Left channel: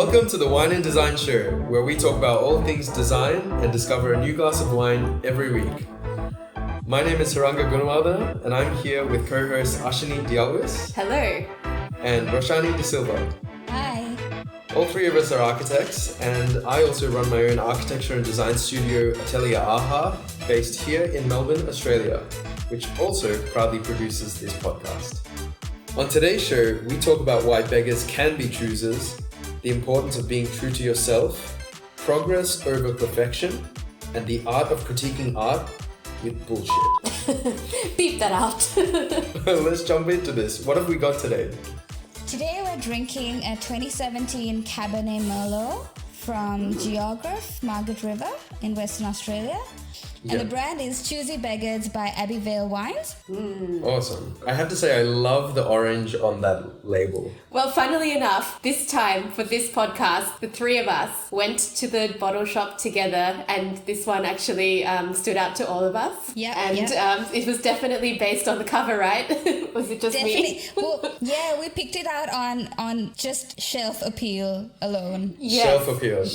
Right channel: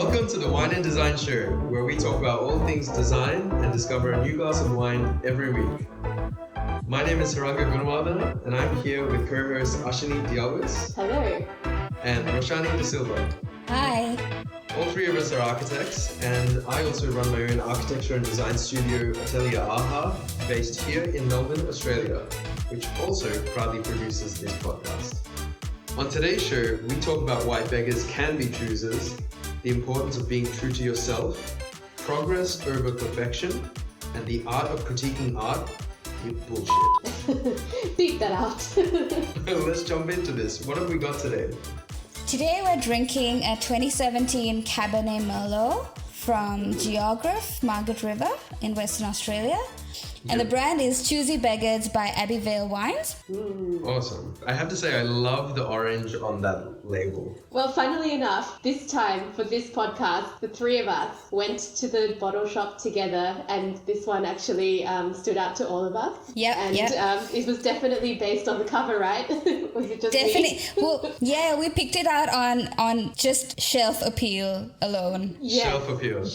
Welcome to the Wine and Design Show, where we talk about all things design and discover a new glass of wine every week. My name is Haranga Gunawardena, and I'm here with co-host Ashini Dialgos. Hello. And Roshani De Silva. Hi. All three of us are architects, and I also run my own architecture and design studio, Atelier AHA, based here in Melbourne, Australia, which also proudly produces this podcast. On today's show, we talk about why beggars can be choosers, the importance of being true to yourself, progress over perfection, and the art of critiquing art with bullshit. Beep that out. Let's jump into this. What have we got today? Today we're drinking a 2017 Cabernet Merlot from Geoffrey Margaret River in Western Australia. And the brand is Choosy Beggars by Abbey Vale Wines. Awesome. I have to say, I love the orange on that label. Well, funnily enough, this time for this podcast, the three of us went to the bottle shop together, and this one actually stood out to all of us. Yeah, and it was definitely based on the cover, right? Was it just definitely me? Well, yeah, we picked it out on just shelf appeal alone. Yes. Shelf appeal.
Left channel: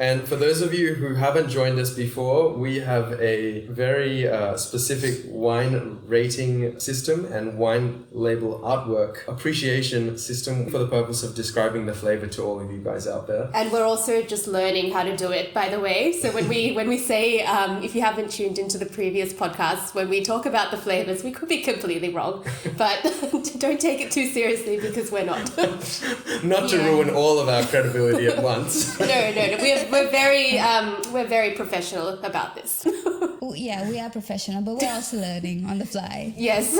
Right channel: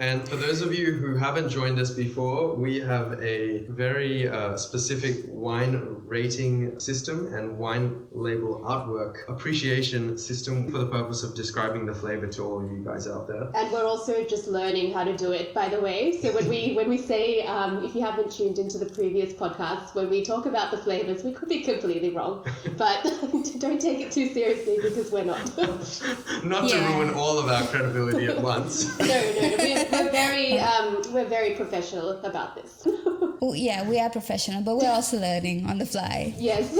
And for those of you who haven't joined us before, we have a very specific wine rating system and wine label artwork appreciation system for the purpose of describing the flavor to all of you guys out there. And we're also just learning how to do it, by the way. So when we say, if you haven't tuned into the previous podcasts, when we talk about the flavors, we could be completely wrong, but don't take it too seriously because we're not. Not to ruin all of our credibility at once. No, we're very professional about this. Well, yeah, we are professional, but we're also learning on the fly. Yes.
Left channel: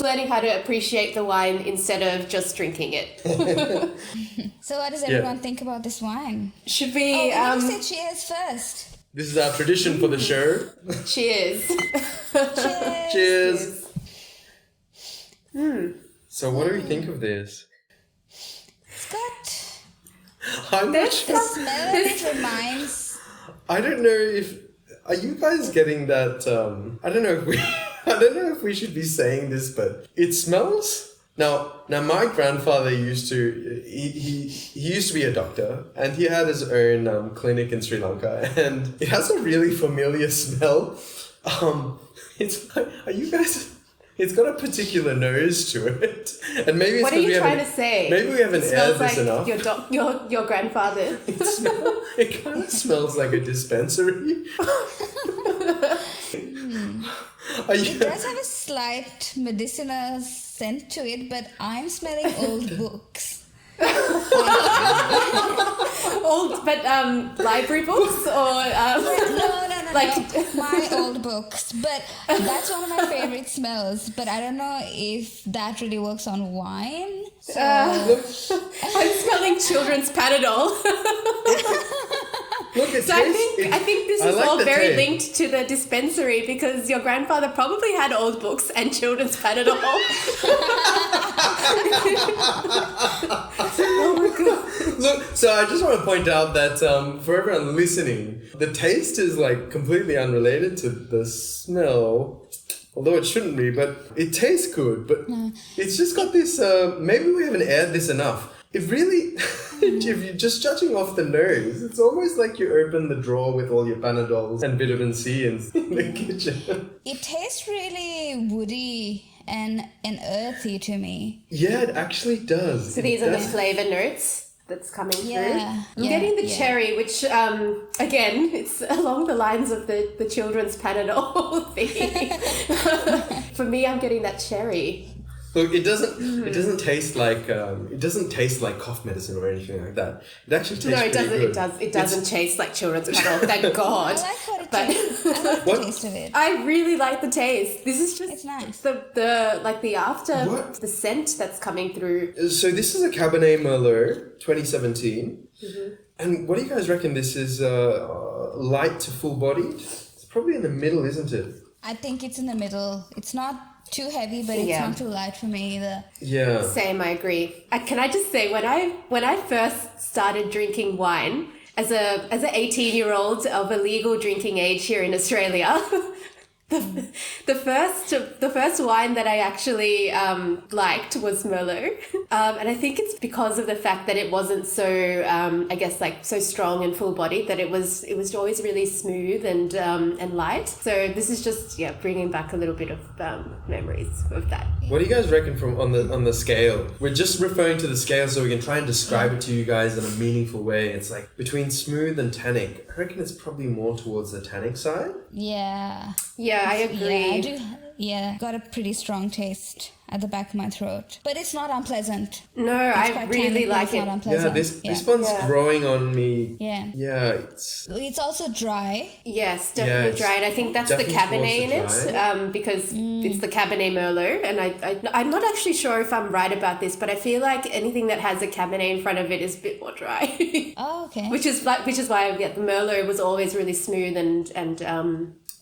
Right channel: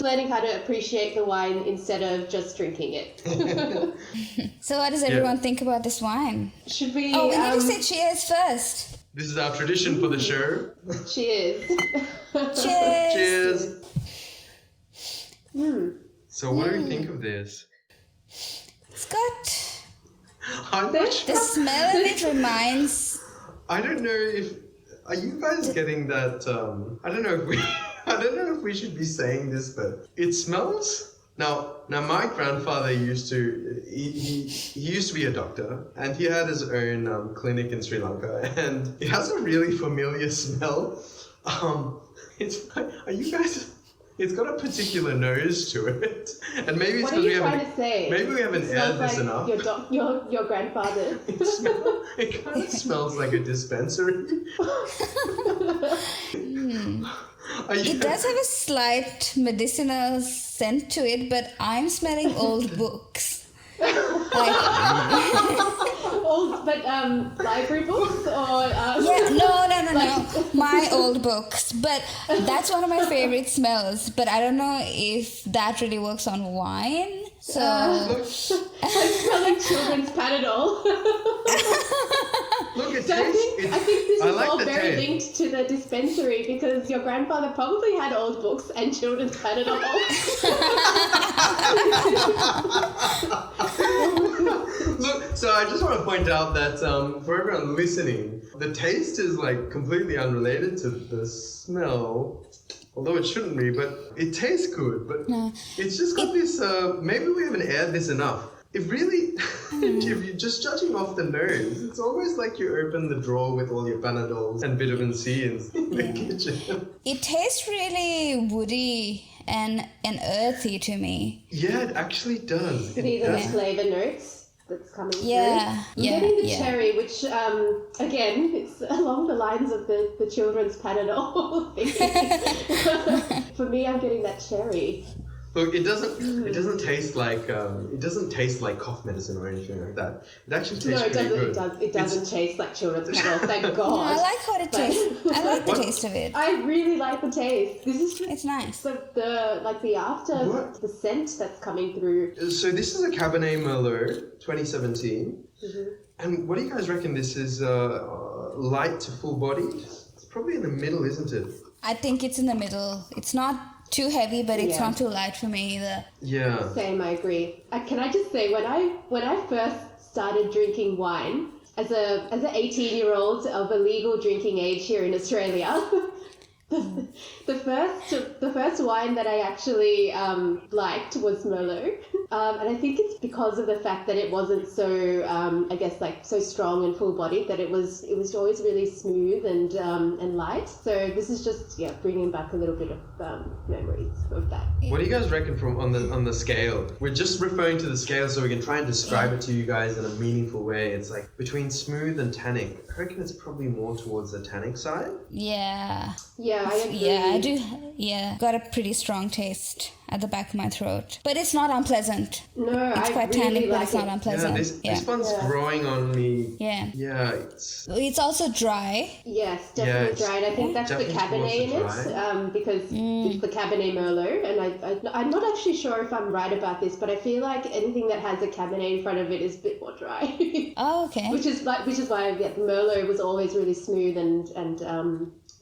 Learning how to appreciate the wine instead of just drinking it. So what does everyone think about this wine? Should we... Oh, we need to say cheers first. This is our tradition for the show. Cheers. Cheers. Cheers. So what do you think of this? It's got... I'm not sure. The smell of it reminds... I don't know if... Are you guys getting that... I don't know if we should be saying this, but it smells... Now my grandfather used to... He used to be a doctor, and he had his own clinic in Sri Lanka, and it has a really familiar smell. It's like... Are you guys... It's got a particular nose to it, and maybe it's because we haven't. What are you trying to say? Maybe we haven't aired this enough. Your grandfather. It kind of smells like a dispensary. It does have a slight medicinal scent to it, but I'm smelling old books. Library books or no, my old books, but that's one of my favorite smells, but I don't know if that really works on wine, so I'm smelling children's Panadol. Look, it so tastes, I think this is all very taste. linked to the dispensary because your grandfather probably had old books and children's Panadol. Look, so I just want to point out that for everyone listening, the taste is like completely unrelated to the smell, although it shouldn't be, but it tastes good, but it's just got this, maybe we haven't aired this enough. It really, if you're just judging off the nose, it's almost like you open the drawer with all your Panadols and vitamin C in the kitchen. It tastes really woody and earthy to me. Yeah, it actually does. So these are the flavor notes that's coming through. I'm yeah, getting the cherry, which, again, it's along the lines of the children's Panadol thing. For me, I'm getting that cherry. Look, it doesn't taste like cough medicine or anything like that. It actually tastes pretty good. It doesn't taste like children's Panadol, thank God. I like how it tastes. I like the taste of it. I really like the taste. This is just... It's nice. The scent that's coming through. So this is a Cabernet Merlot 2017. Mm-hmm. And what do you guys reckon this is light to full-bodied? It's probably in the middle, isn't it? I think it's in the middle. It's not too heavy, but it's not too light for me either. Yeah. Same, I agree. Can I just say, when I first started drinking wine as an 18-year-old of a legal drinking age here in Australia, The first wine that I actually liked was Merlot, and I think it's because of the fact that it wasn't so I guess like so strong and full bodied, that it was always really smooth and light. So this is just bringing back a little bit of memories of that. What do you guys reckon from on the scale? We're just referring to the scale so we can try and describe it to you guys in a meaningful way. It's like between smooth and tannic. I reckon it's probably more towards the tannic side. Yeah. Yeah, I agree. Yeah, I do. Yeah, got a pretty strong taste at the back of my throat, but it's not unpleasant. No, It's I quite really tannic, but like it's not it. unpleasant. This one's growing on me. Yeah. Yeah, It's also dry. Yes, definitely it's dry, and I think that's the definitely Cabernet in towards the it, because it's the Cabernet Merlot, and I'm not actually sure if I'm right about this, but I feel like anything that has a Cabernet in front of it is a bit more dry. Oh, okay. Which is why the Merlot was always really smooth and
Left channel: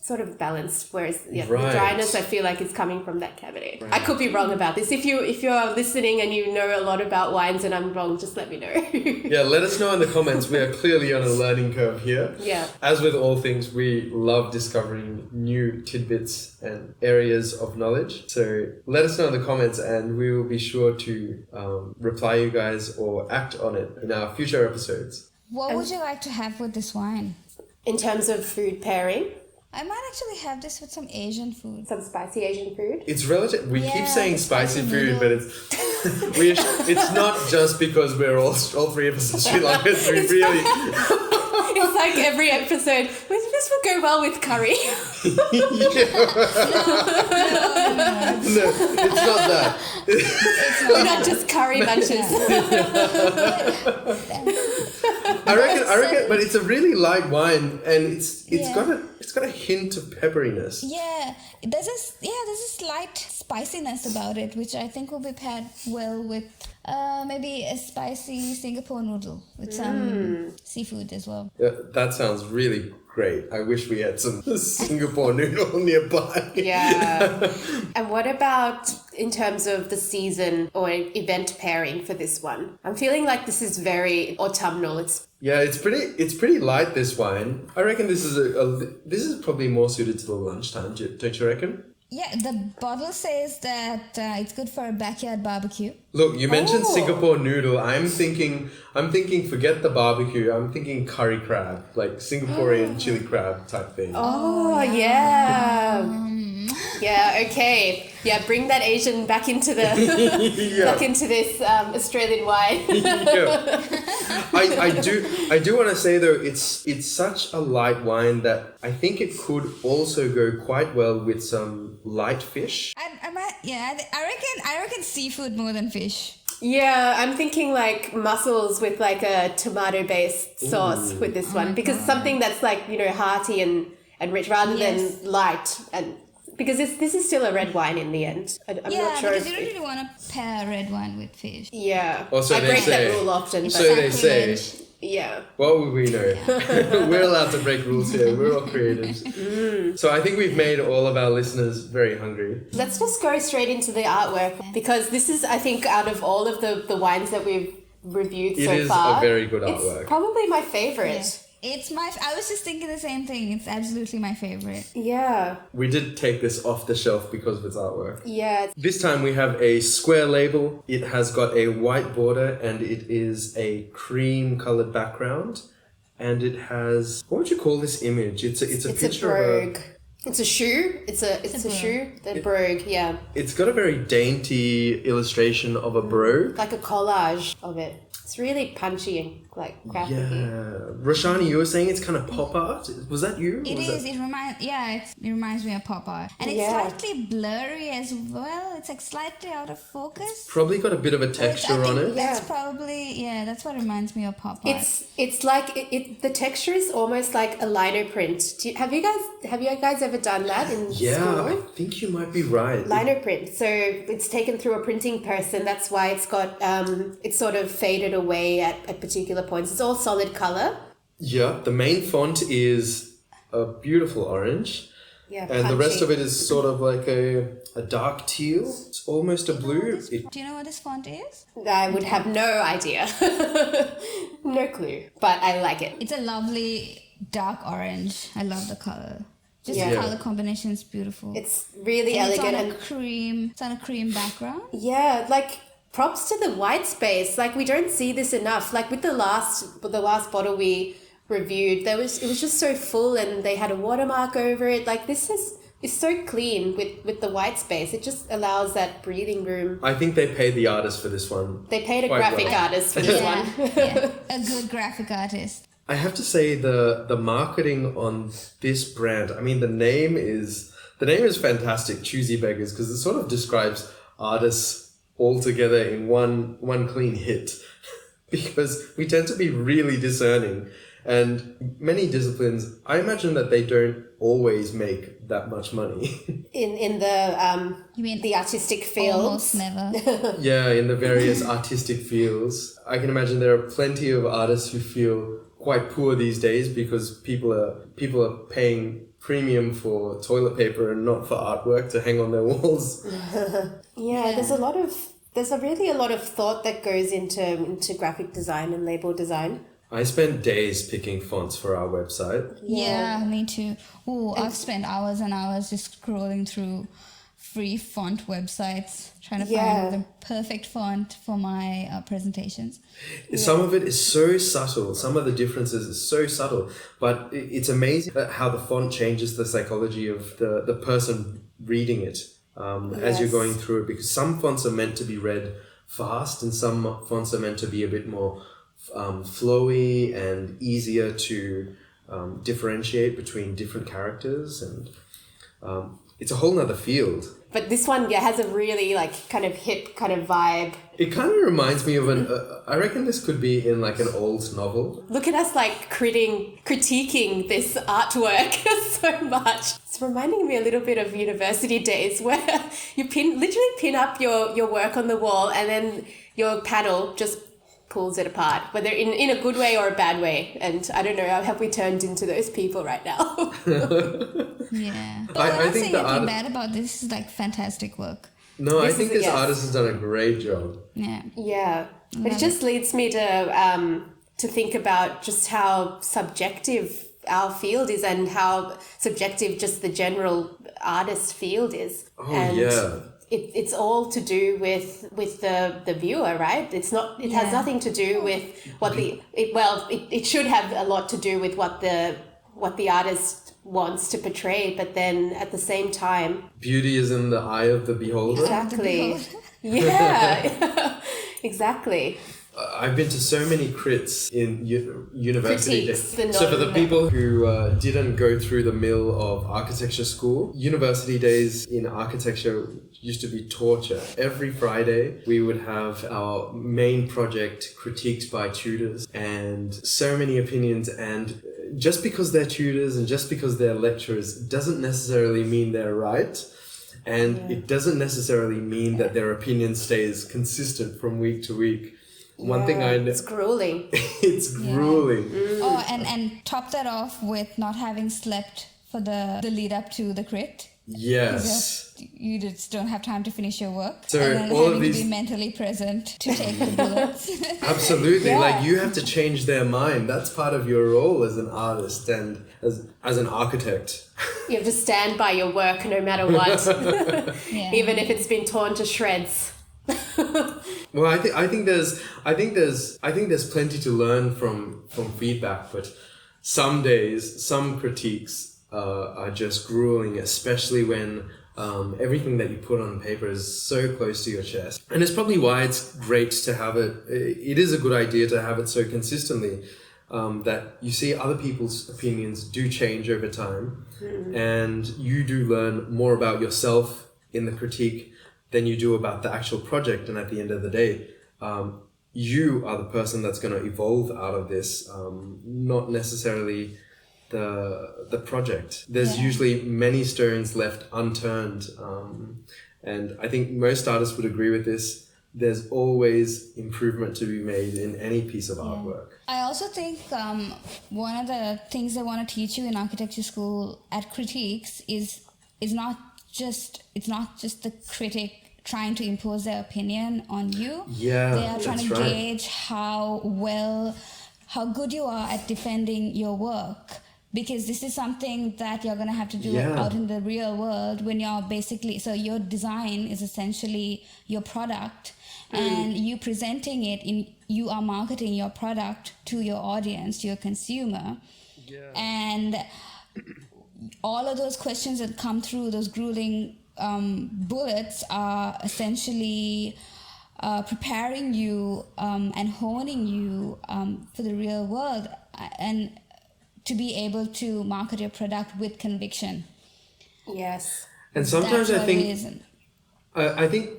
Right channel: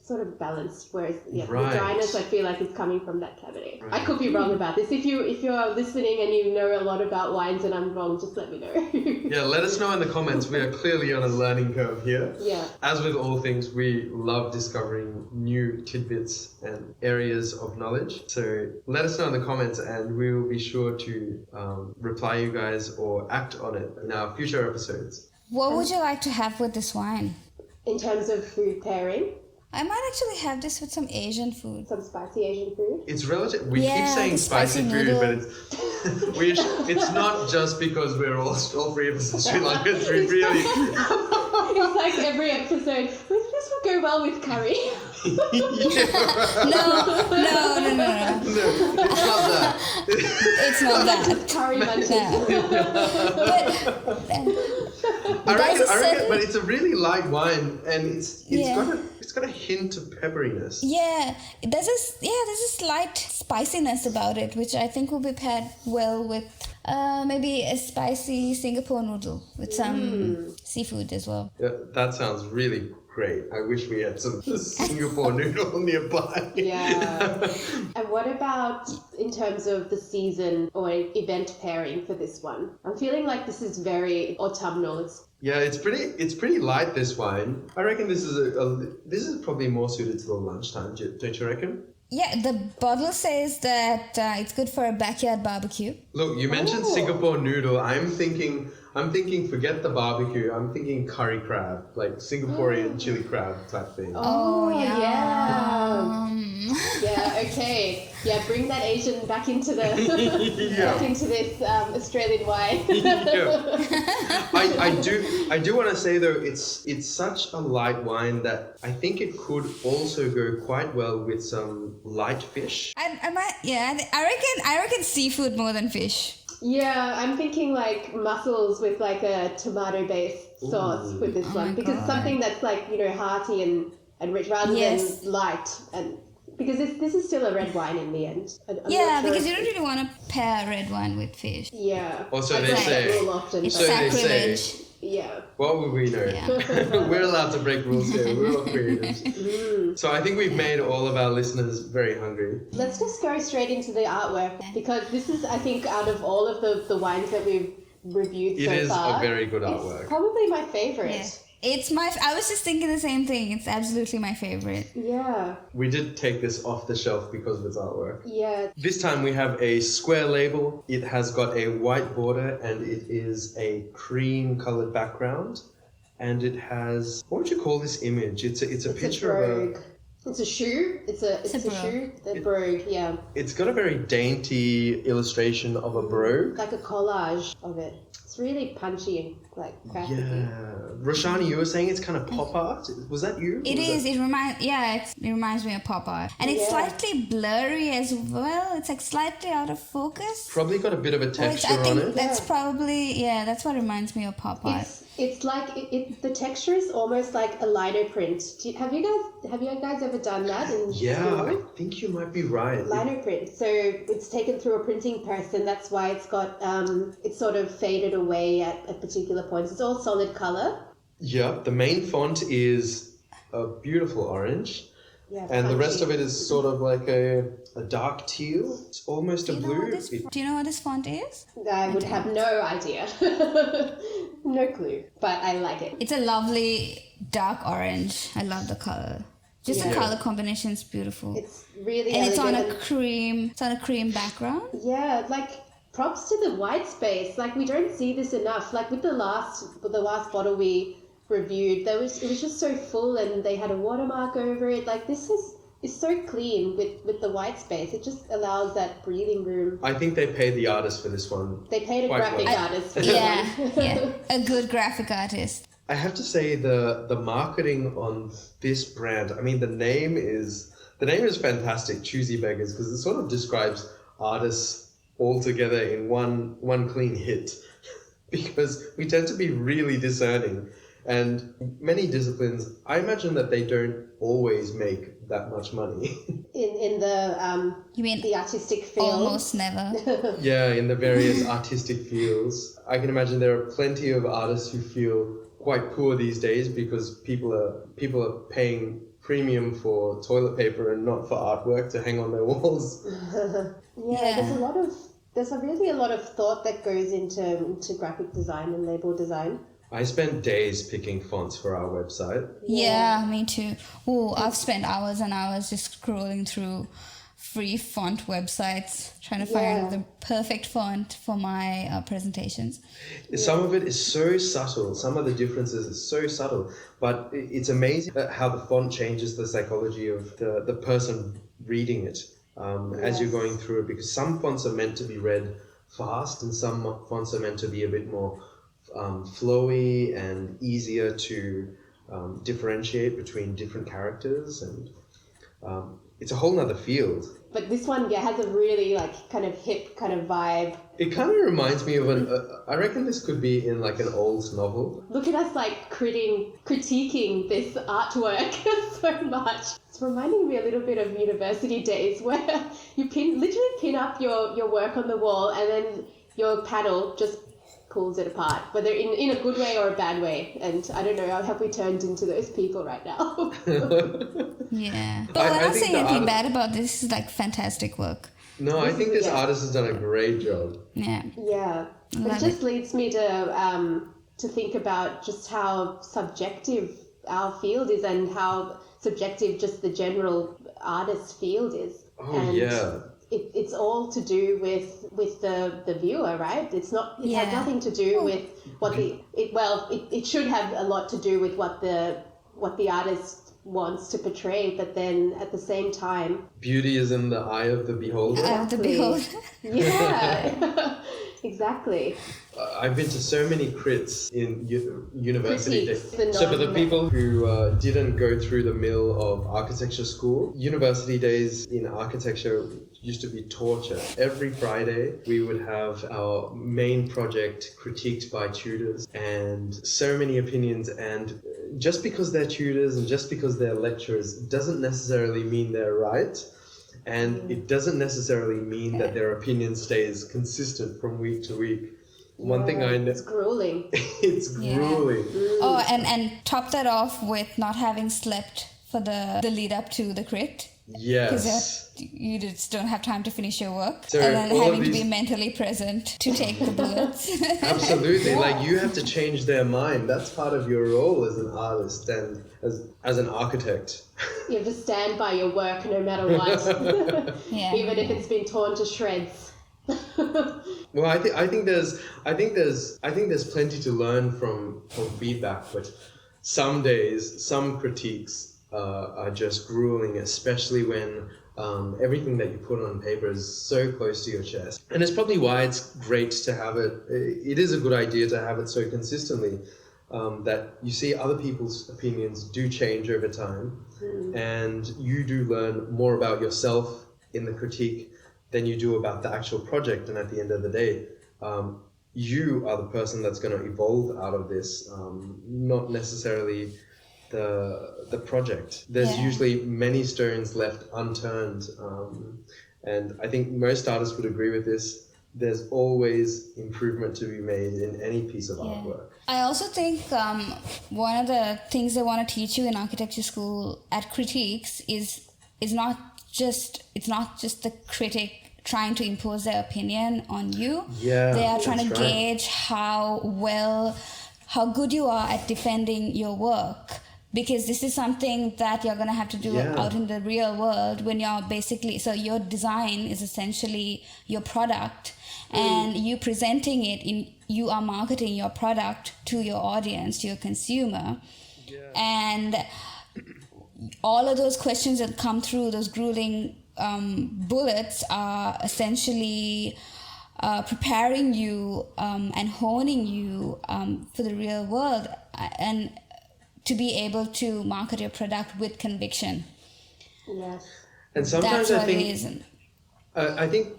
sort of balanced, whereas the dryness I feel like is coming from that Cabernet. Right. I could be wrong about this. If you're listening and you know a lot about wines and I'm wrong, just let me know. Yeah, let us know in the comments. We are clearly on a learning curve here. Yeah. As with all things, we love discovering new tidbits and areas of knowledge. So let us know in the comments and we will be sure to reply you guys or act on it in our future episodes. What would you like to have with this wine? In terms of food pairing, I might actually have this with some Asian food. some spicy Asian food. It's relative. We keep saying the spicy food, noodle. but it's not just because we're all three of us in Sri Lankans. We really It's like every episode. This would go well with curry. No. no, it's not that. It's not that. Just curry bunches. I reckon, but it's a really light wine, and it's got a hint of pepperiness. Yeah, there's a slight spiciness about it, which I think will be paired well with maybe a spicy Singapore noodle with some seafood as well. Yeah, that sounds really great. I wish we had some Singapore noodle nearby. Yeah. And what about in terms of the season or event pairing for this one? I'm feeling like this is very autumnal. It's pretty light, this wine. I reckon this is probably more suited to the lunchtime. Don't you reckon? Yeah, the bottle says that it's good for a backyard barbecue. Look, you mentioned Singapore noodle. I'm thinking forget the barbecue. I'm thinking curry crab, like Singaporean chili crab type thing. Oh yeah. Yeah, okay. Yeah, bring that Asian back into the back into this Australian wine. I do want to say though, it's such a light wine that I think it could also go quite well with some light fish. I reckon seafood more than fish. Yeah, I'm thinking like mussels with like a tomato-based sauce with this one, because something that's like, hearty and rich rather than light, and because this is still a red wine in the end. I'm not sure because you don't really want to pair red wine with fish. Yeah. Also, I they break say. that rule often. It's So they say. sacrilege. Yeah. What would we know? We're allowed to break rules here. We're all creatives. So I think we've made all of our listeners very hungry. Let's just go straight into the artwork, because this is, I think, out of all of the wines that we've reviewed so far, it is a very good artwork. It's probably my favorite. Yeah. I was just thinking the same thing. It's absolutely my favorite. Yeah. We did take this off the shelf because of its artwork. Yeah. This time we have a square label. It has got a white border and it is a cream colored background. And it has, what would you call this image? It's a picture of a... It's a shoe. It's a shoe. The brogue, yeah. It's got a very dainty illustration of a brogue. Like a collage of it. It's really punchy and like graphic. Yeah. Roshani, you were saying it's kind of pop art. Was that you? It is. It reminds me of pop art, and it's slightly blurry as well. It's like slightly out of focus. Probably got a bit of a texture on it. That's probably that's what reminds me of pop art. It's like the texture is almost like a lino print. Have you guys ever done that in school? I think you might be right. Lino print. So it's taken through a printing press, and that's why it's got it's sort of faded away at particular points. It's all solid color. Yeah, the main font is a beautiful orange. Yeah, and the rest of it is sort of like a dark teal. It's almost a blue. Do you know what this font is? I would have no idea. No clue. But I like it. It's a lovely dark orange. I love the color. Just the color combination is beautiful. It's really and elegant. It's on a cream background. Yeah, like props to the white space. Like we don't see this enough. Like with the last bottle we reviewed, it was just so full, and they had a watermark over it. Like this is so clean with the white space. It just allows that breathing room. I think they paid the artist for this one. They paid a quite graphic well. artist for this one. Yeah, a good graphic artist. I have to say the marketing on this brand, I mean the name is fantastic, Choosy Beggars, because it sort of describes artists all together in one clean hit. Because we tend to be really discerning, and many disciplines, I imagine that they don't always make that much money. In the You mean the artistic field. almost never? Yeah, in the various artistic fields. I can imagine there are plenty of artists who feel quite poor these days because people are paying premium for toilet paper and not for artwork to hang on their walls. Yeah, there's really a lot of thought that goes into graphic design and label design. I spent days picking fonts for our website. Yeah, me too. Oh, I've spent hours and hours just scrolling through free font websites trying to find the perfect font for my presentations. Some of it is so subtle. Some of the differences are so subtle, but it's amazing how the font changes the psychology of the person reading it as you're going through it, because some fonts are meant to be read fast and some fonts are meant to be a bit more flowy and easier to differentiate between different characters, and it's a whole nother field. But this one, has a really kind of hip kind of vibe. It kind of reminds me of I reckon this could be in like an old novel. Look at us critiquing this artwork so much. It's reminding me a little bit of university days where you literally pin up your work on the wall and then your paddle just pulls it apart, whether in a good way or a bad way. And I don't know, have we turned into those people right now? Yeah. But we're not saying anything bad about this. Is like fantastic work. No, I think this artist has done a great job. Yeah. Yeah. It just leads me to think about just how subjective our field is and how subjective just the general artist field is. Oh, and yeah. It's all to do with the viewer, right? It's not. It has nothing to do with what it should have a lot to do with what the artist wants to portray, but then at the same time, beauty is in the eye of the beholder. Exactly. Yeah. Exactly. I've been to so many crits in university Critiques, days. So for the people who didn't go through the mill of architecture school, university days in architecture used to be torture. Every Friday we would have our main project critiqued by tutors, and so many opinions, and just because they're tutors and just because they're lecturers doesn't necessarily mean they're right. And it doesn't necessarily mean that their opinion stays consistent from week to week. One thing I know... It's grueling. It's grueling. Oh, and top that off with not having slept for the lead up to the crit. Yes. Because you just don't have time to finish your work. So and then all having of to these... be mentally present to take the bullets. Absolutely. Like you have to change their mind. That's part of your role as an artist and as an architect. You have to stand by your work no matter what. Yeah. Even if it's been torn to shreds. Well, I think there's plenty to learn from feedback, but some days, some critiques are just grueling, especially when everything that you put on paper is so close to your chest. And it's probably why it's great to have it. It is a good idea to have it so consistently that you see other people's opinions do change over time, and you do learn more about yourself in the critique than you do about the actual project. And at the end of the day, you are the person that's going to evolve out of this, not necessarily the project. There's usually many stones left unturned, and I think most artists would agree with this. There's always improvement to be made in any piece of artwork. I also think one of the things they want to teach you in architecture school at critiques is not just the critic trying to impose their opinion on you. Yeah, they are trying to gauge right. how good you are at defending your work. because this is something that you're going to have to do out in the real world when you're basically, so your design is essentially your product, and you presenting it you are marketing your product to your audience, to your consumer. And all of those questions that come through, those grueling bullets, are essentially preparing you and honing you for the real world, and to be able to market your product with conviction. Yes. And sometimes I think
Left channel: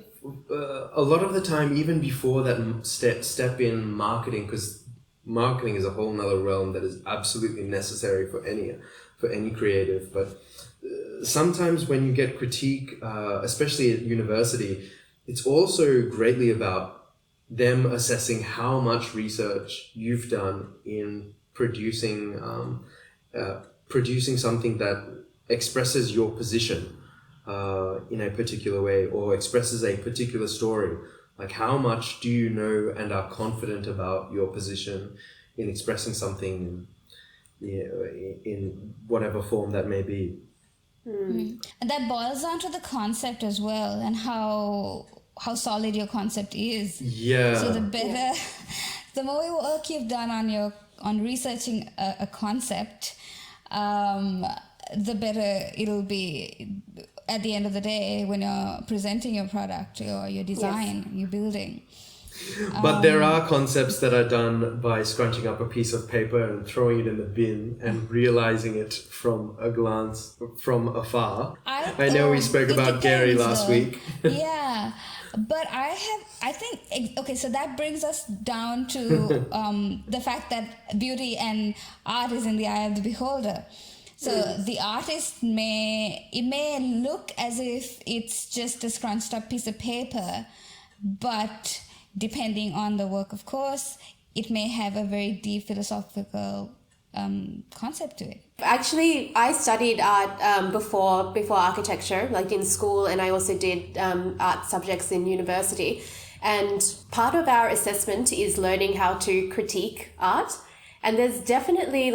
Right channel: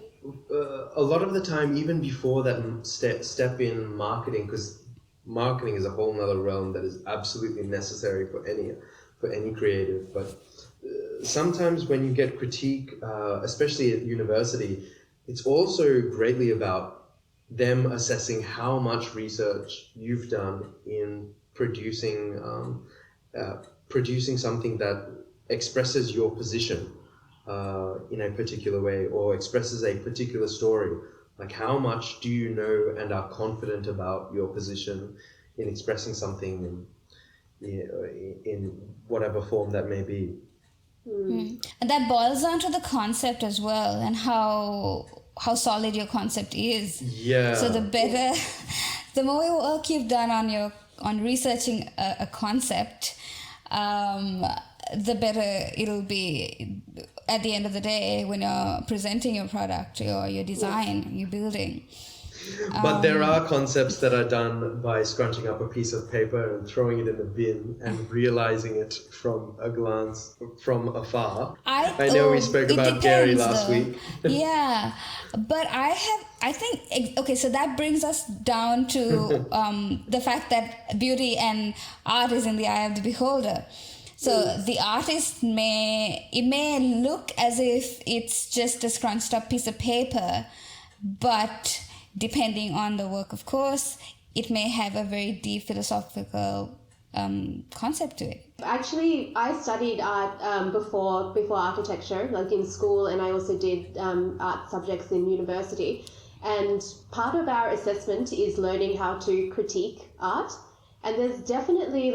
a lot of the time, even before that step in marketing, because marketing is a whole nother realm that is absolutely necessary for any creative. But sometimes when you get critique, especially at university, it's also greatly about them assessing how much research you've done in producing something that expresses your position in a particular way, or expresses a particular story. Like, how much do you know and are confident about your position in expressing something in whatever form that may be. And that boils down to the concept as well, and how solid your concept is. Yeah. So the more work you've done on researching a concept, the better it'll be at the end of the day when you're presenting your product or your design, you're building. But there are concepts that are done by scrunching up a piece of paper and throwing it in the bin and realizing it from a glance from afar. I know we spoke about Gehry last week. Yeah, but I think, okay, so that brings us down to the fact that beauty and art is in the eye of the beholder. So the artist may look as if it's just a scrunched up piece of paper, but depending on the work, of course, it may have a very deep philosophical concept to it. Actually, I studied art before architecture, like in school, and I also did art subjects in university. And part of our assessment is learning how to critique art. And there's definitely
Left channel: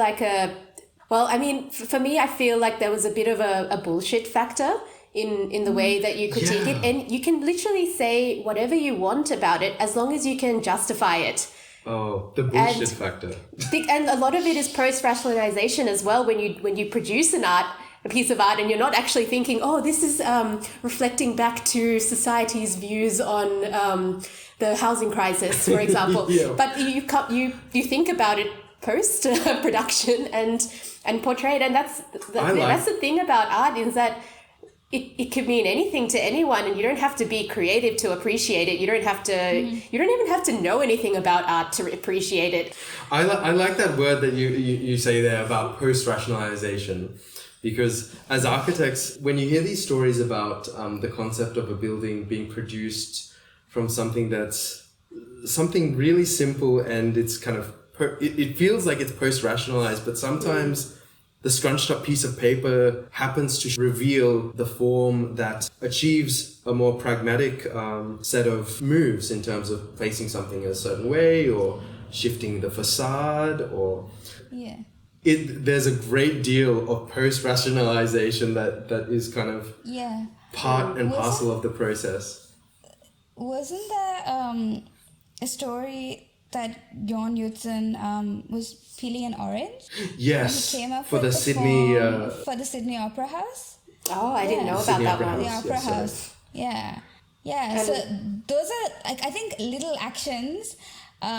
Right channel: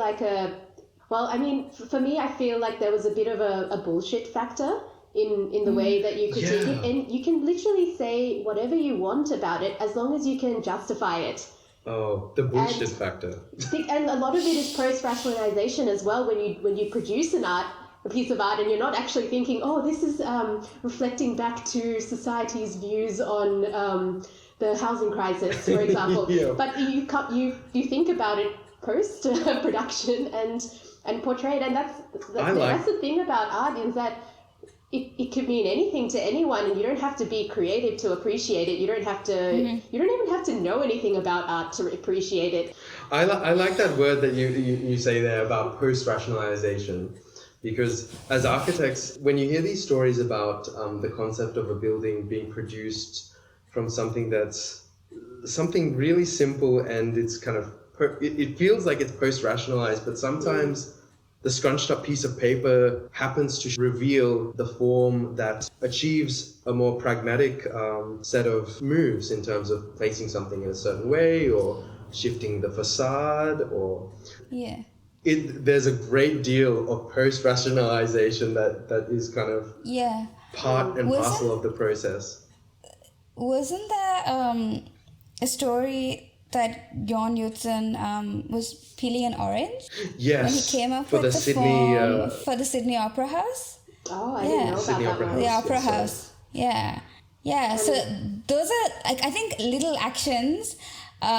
for me, I feel like there was a bit of a bullshit factor in the way that you critique it, and you can literally say whatever you want about it as long as you can justify it. Oh, the bullshit factor. And a lot of it is post-rationalisation as well. When you produce a piece of art, and you're not actually thinking, oh, this is reflecting back to society's views on the housing crisis, for example. But you think about it post-production and portray it, and that's the thing about art, is that it could mean anything to anyone, and you don't have to be creative to appreciate it. You don't have to. You don't even have to know anything about art to appreciate it. I like that word that you say there about post-rationalization, because as architects, when you hear these stories about the concept of a building being produced from something that's something really simple, and it's kind of it feels like it's post-rationalized, but sometimes the scrunched up piece of paper happens to reveal the form that achieves a more pragmatic set of moves in terms of placing something in a certain way, or shifting the facade, or there's a great deal of post-rationalization that is kind of part and parcel of the process. Wasn't there a story that Jorn Utzon was peeling an orange? Yes. When he came up for with the Sydney for the Sydney Opera House. Oh, I didn't know Sydney about that one. The Opera House. Yeah. And so those are, I think, little actions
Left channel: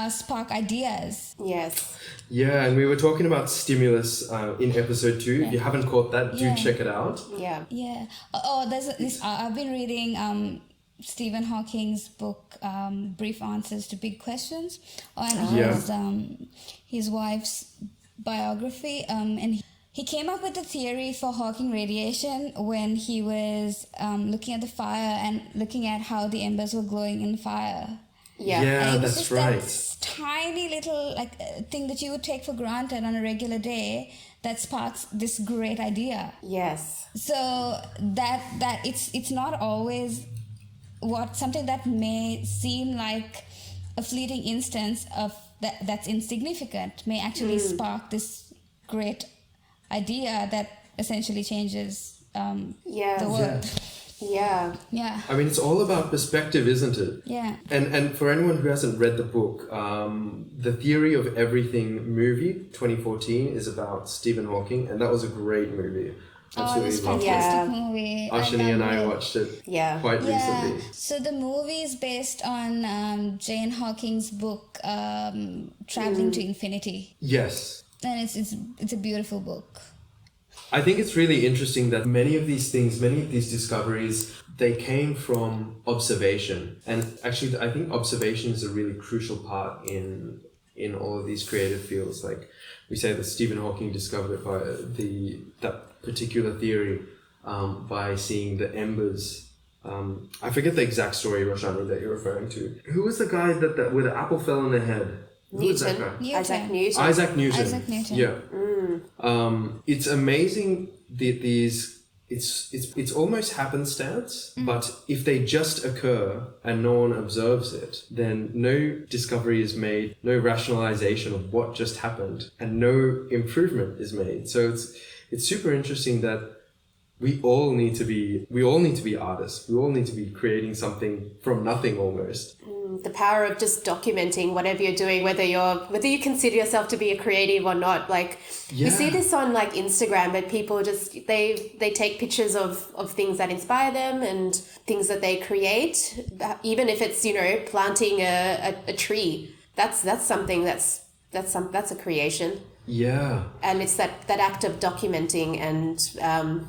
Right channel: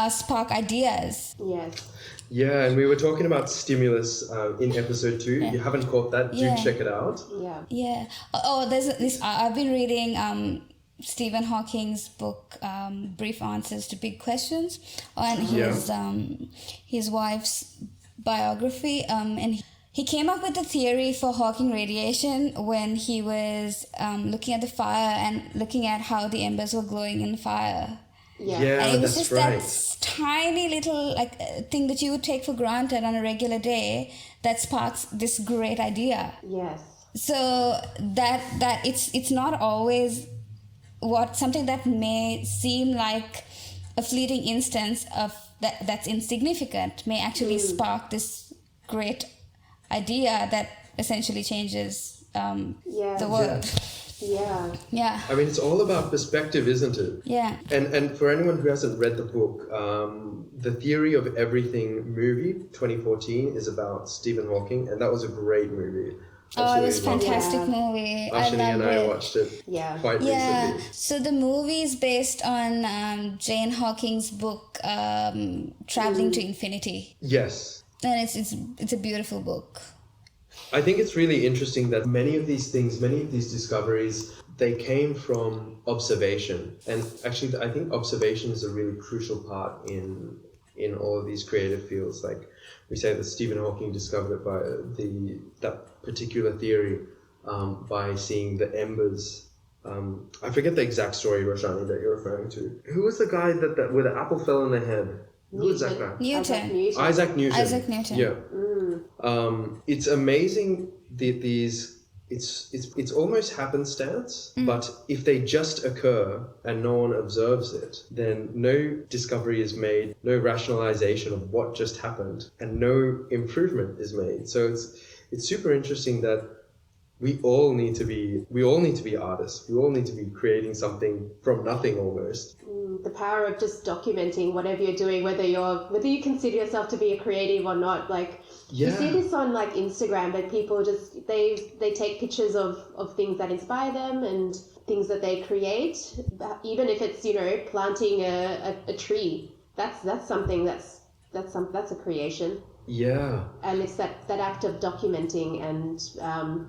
spark ideas. Yes. Yeah, and we were talking about stimulus in episode 2. If you haven't caught that, do check it out. Yeah. Yeah. Oh, there's this. I've been reading Stephen Hawking's book, Brief Answers to Big Questions, and his wife's biography. And he came up with the theory for Hawking radiation when he was looking at the fire and looking at how the embers were glowing in the fire. Yeah, and it was that's just right. that tiny little thing that you would take for granted on a regular day that sparks this great idea. Yes. So that it's not always something that may seem like a fleeting instance of that's insignificant may actually spark this great idea that essentially changes the world. Yeah. I mean, it's all about perspective, isn't it? Yeah. And for anyone who hasn't read the book, The Theory of Everything movie, 2014, is about Stephen Hawking, and that was a great movie. It was a fantastic movie. Ashini and I watched it quite recently. So the movie is based on Jane Hawking's book, Traveling to Infinity. Yes. And it's a beautiful book. I think it's really interesting that many of these discoveries, they came from observation. And actually, I think observation is a really crucial part in all of these creative fields. Like we say that Stephen Hawking discovered it by that particular theory by seeing the embers. I forget the exact story, Roshani, that you're referring to. Who was the guy that where the apple fell on the head? Who was that guy? Isaac Newton. Yeah. It's amazing that it's almost happenstance, but if they just occur and no one observes it, then no discovery is made, no rationalization of what just happened, and no improvement is made. So it's super interesting that we all need to be artists. We all need to be creating something from nothing almost. The power of just documenting whatever you're doing, whether you consider yourself to be a creative or not. Like you see this on like Instagram, but people just they take pictures of things that inspire them and things that they create, even if it's planting a tree. That's something that's a creation. Yeah. And it's that act of documenting and.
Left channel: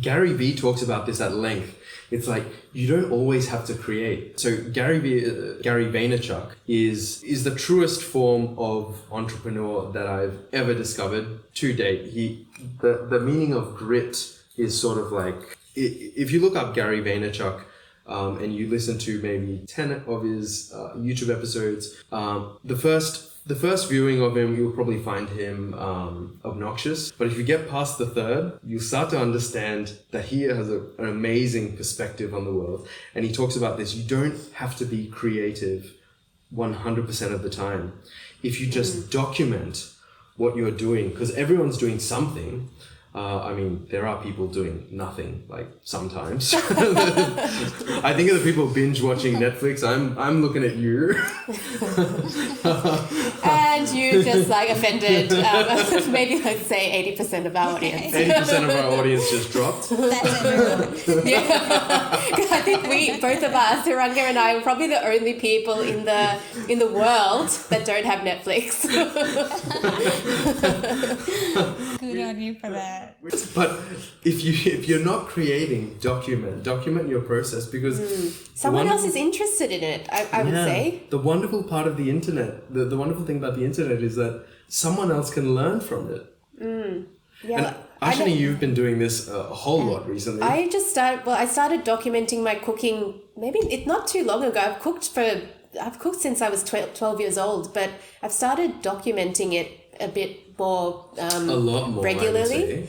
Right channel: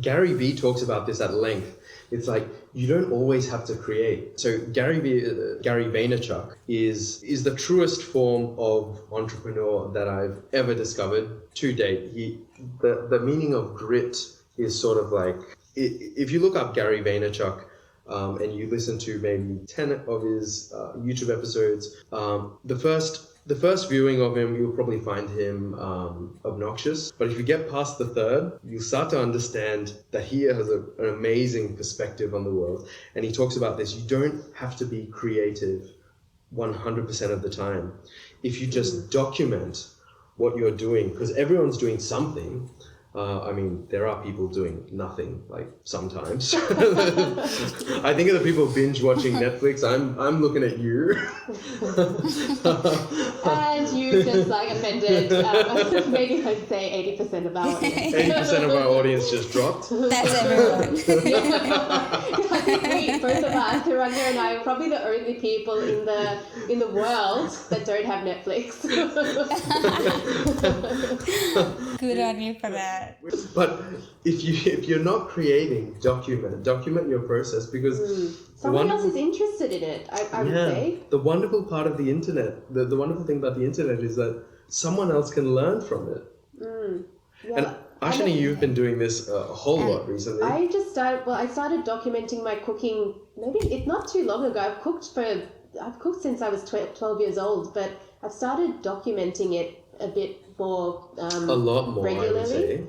Gary Vee talks about this at length. It's like you don't always have to create. So Gary Vaynerchuk is the truest form of entrepreneur that I've ever discovered to date. The meaning of grit is sort of like, if you look up Gary Vaynerchuk and you listen to maybe 10 of his YouTube episodes, the first viewing of him, you'll probably find him obnoxious. But if you get past the third, you'll start to understand that he has an amazing perspective on the world. And he talks about this. You don't have to be creative 100% of the time. If you just document what you're doing, because everyone's doing something. I mean, there are people doing nothing, like sometimes. I think of the people binge watching Netflix. I'm looking at you. And you just like offended, maybe let's say 80% of our audience. 80% of our audience just dropped. That's everyone. I think both of us, Ranga and I, are probably the only people in the world that don't have Netflix. Good on you for that. But if you're not creating, document your process, because someone else is interested in it. I would say the wonderful part of the internet, the wonderful thing about the internet is that someone else can learn from it. Yeah. And Ashini, you've been doing this a whole lot recently. I started documenting my cooking not too long ago. I've cooked since I was 12 years old, but I've started documenting it a bit more a lot more regularly.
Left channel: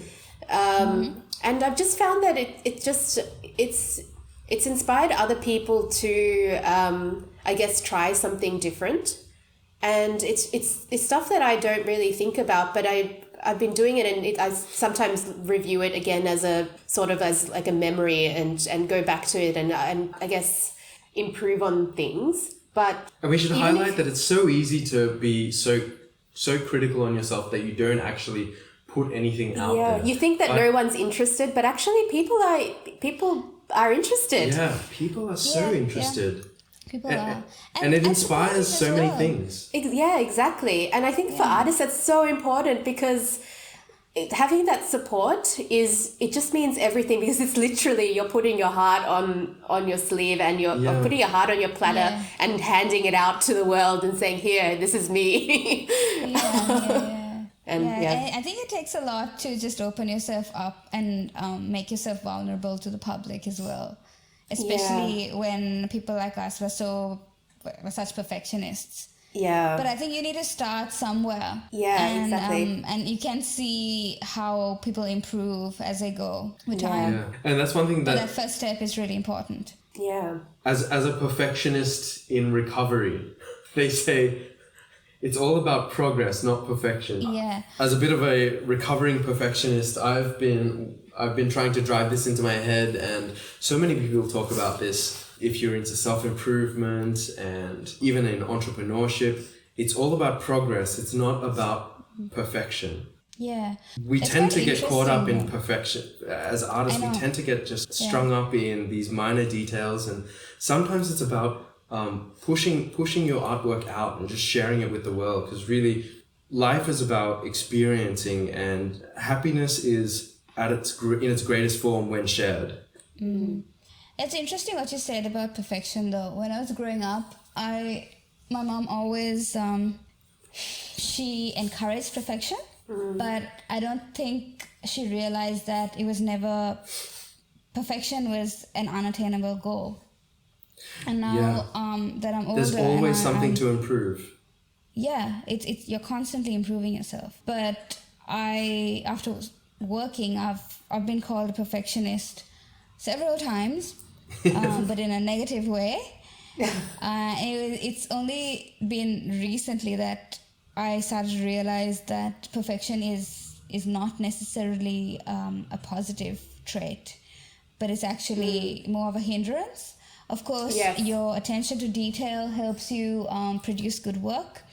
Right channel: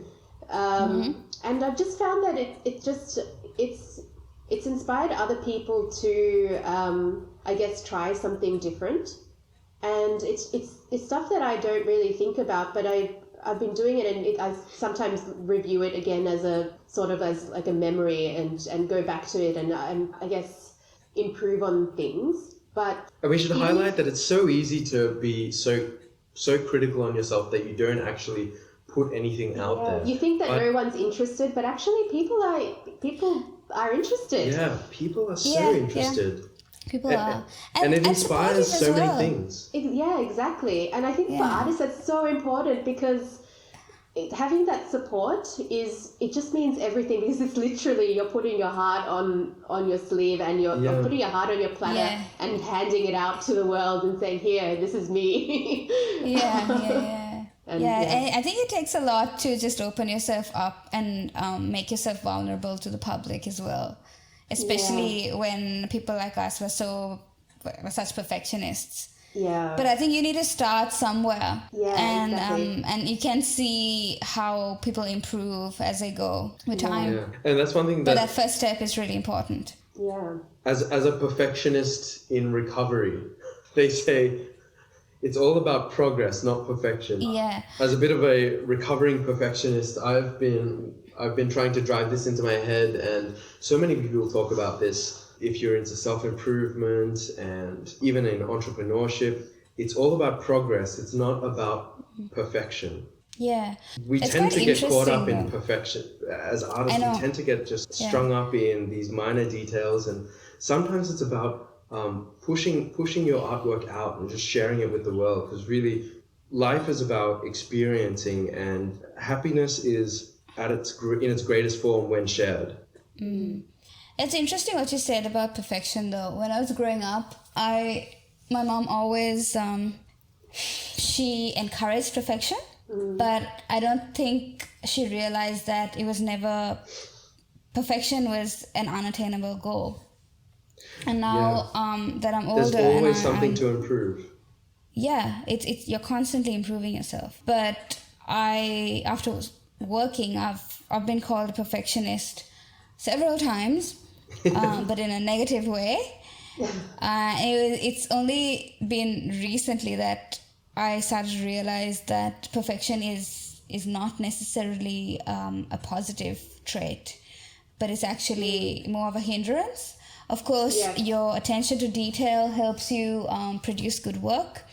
And I've just found that it's inspired other people to I guess try something different, and it's stuff that I don't really think about, but I've been doing it, and I sometimes review it again as a sort of as like a memory and go back to it and I guess improve on things. And we should highlight that it's so easy to be so critical on yourself that you don't actually put anything out there. You think that no one's interested, but actually people are interested. Yeah, people are so interested. People are. And it inspires so many things. Yeah, exactly. And I think for artists that's so important, because having that support it just means everything, because it's literally you're putting your heart on your sleeve and you're putting your heart on your platter and handing it out to the world and saying, here, this is me. I think it takes a lot to just open yourself up and make yourself vulnerable to the public as well, especially when people like us were such perfectionists. Yeah. But I think you need to start somewhere. Yeah, and exactly. And you can see how people improve as they go with time. Yeah. And that's one thing But that first step is really important. Yeah. As a perfectionist in recovery, they say it's all about progress, not perfection. Yeah. As a bit of a recovering perfectionist, I've been trying to drive this into my head, and so many people talk about this. If you're into self-improvement and even in entrepreneurship, it's all about progress. It's not about perfection. Yeah. We It's tend quite to get caught up in interesting, though. perfection. As artists, I know. we tend to get just strung up in these minor details, and sometimes it's about pushing your artwork out and just sharing it with the world, because really life is about experiencing, and happiness is in its greatest form when shared. Mm-hmm. It's interesting what you said about perfection, though. When I was growing up, my mom always she encouraged perfection, but I don't think she realized that perfection was an unattainable goal. And now that I'm older, there's always and something I'm, to improve. Yeah, it's you're constantly improving yourself. But after working, I've been called a perfectionist several times, but in a negative way. It's only been recently that I started to realize that perfection is not necessarily a positive trait, but it's actually more of a hindrance. Of course, your attention to detail helps you produce good work.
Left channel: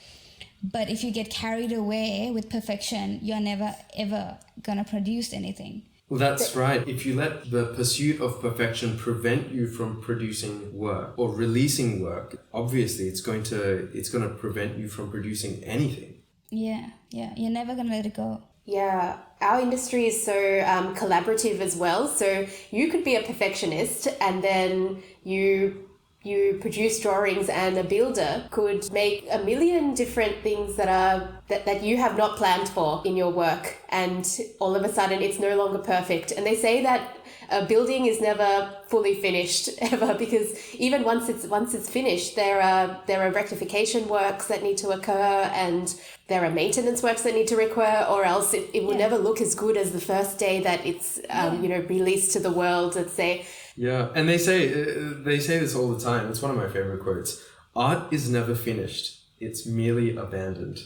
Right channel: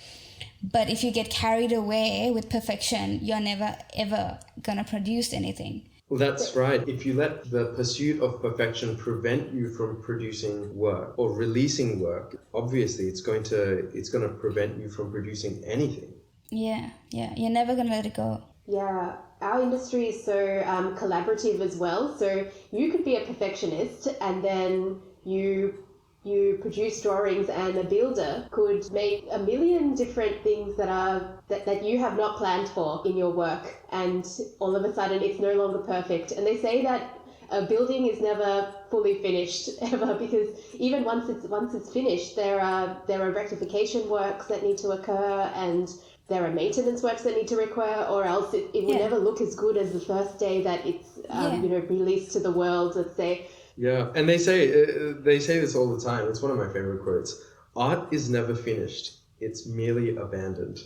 But if you get carried away with perfection, you're never, ever going to produce anything. Well, that's right. If you let the pursuit of perfection prevent you from producing work or releasing work, obviously it's going to prevent you from producing anything. Yeah. You're never going to let it go. Yeah, our industry is so collaborative as well. So you could be a perfectionist, and then you produce drawings, and a builder could make a million different things that you have not planned for in your work, and all of a sudden it's no longer perfect. And they say that a building is never fully finished ever, because even once it's finished, there are rectification works that need to occur, and there are maintenance works that need to occur, or else it will never look as good as the first day that it's released to the world, let's say. Yeah, and they say this all the time. It's one of my favorite quotes. Art is never finished. It's merely abandoned.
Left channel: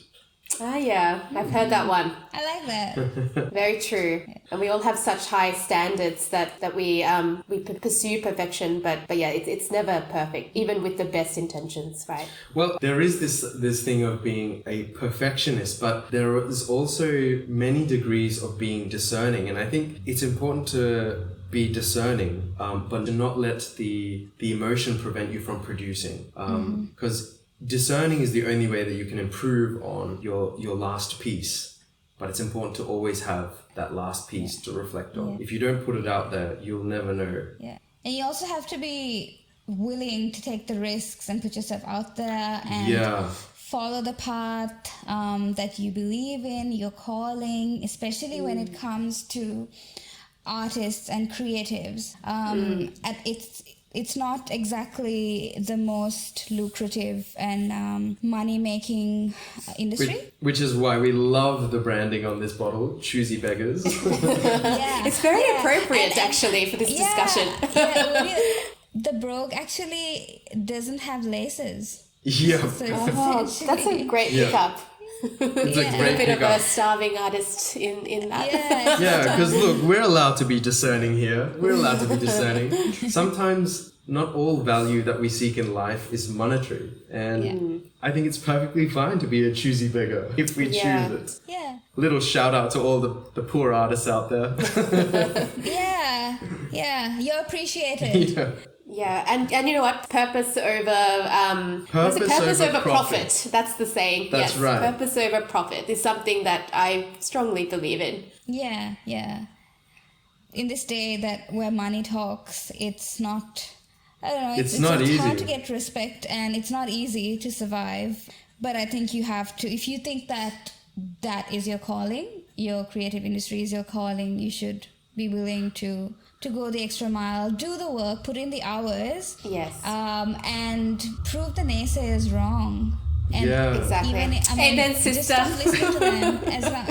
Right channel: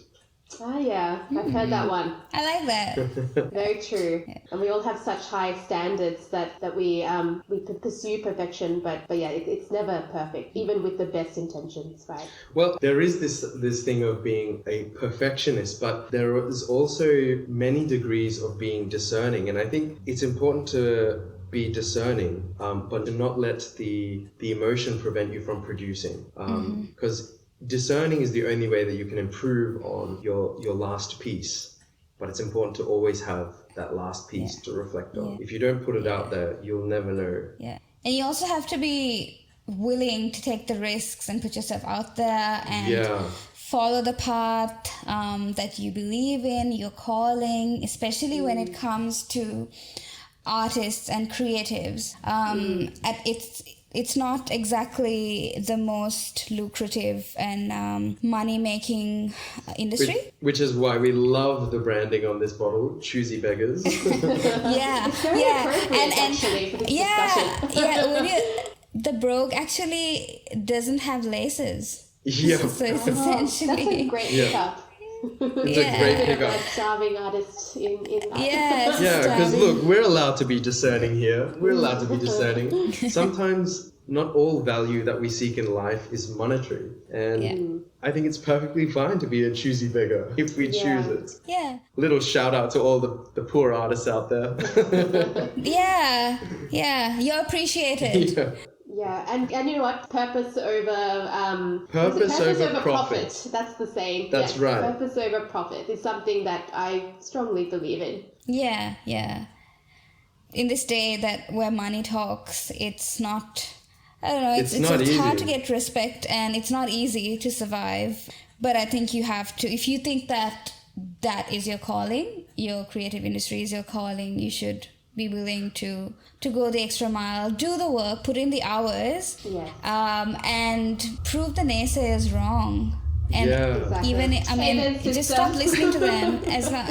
Ah, yeah, I've heard that one. I like that. Very true. And we all have such high standards that we pursue perfection, but yeah, it's never perfect, even with the best intentions, right? Well, there is this thing of being a perfectionist, but there is also many degrees of being discerning, and I think it's important to be discerning, but to not let the emotion prevent you from producing, because discerning is the only way that you can improve on your last piece. But it's important to always have that last piece to reflect on. If you don't put it out there, you'll never know. Yeah. And you also have to be willing to take the risks and put yourself out there and follow the path that you believe in, your calling, especially when it comes to artists and creatives. It's not exactly the most lucrative and money-making industry. Which is why we love the branding on this bottle, Choosy Beggars. It's very appropriate actually for this discussion. The brogue actually doesn't have laces. Yeah. So it's essentially... That's a great pickup. It's a great Bit of pickup. a starving artist in that. Yeah, because look, we're allowed to be discerning here. We're allowed to be discerning. Sometimes not all value that we seek in life is monetary. And I think it's perfectly fine to be a choosy beggar if we choose it. Yeah. Little shout out to all the poor artists out there. Yeah, you're appreciated. Yeah, and you know what? Purpose over profit. That's the saying. That's right. Purpose over profit is something that I strongly believe in. Yeah. In this day where money talks, it's not. I don't know. It's hard to get respect, and it's not easy to survive. But I think you have to. If you think that is your calling, your creative industry is your calling, you should be willing to go the extra mile, do the work, put in the hours, and prove the naysayers wrong. And exactly. even just stop listening to them as long.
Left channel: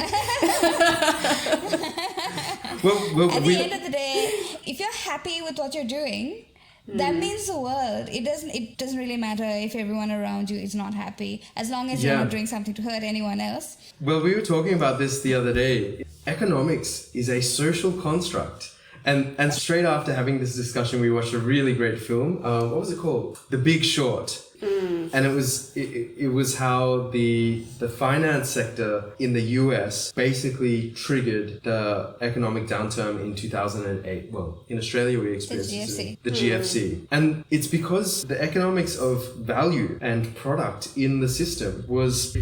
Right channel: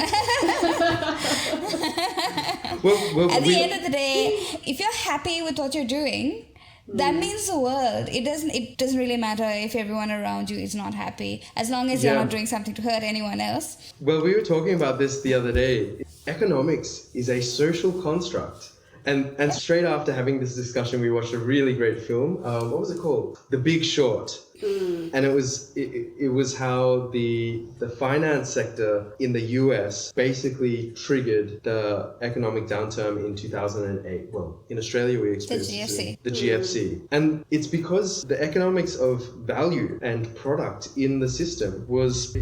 Well, at the end of the day, if you're happy with what you're doing, that means the world. It doesn't really matter if everyone around you is not happy, as long as you're not doing something to hurt anyone else. Well, we were talking about this the other day. Economics is a social construct. And straight after having this discussion, we watched a really great film. What was it called? The Big Short. And it was how the finance sector in the US basically triggered the economic downturn in 2008. Well, in Australia we experienced the GFC. And it's because the economics of value and product in the system was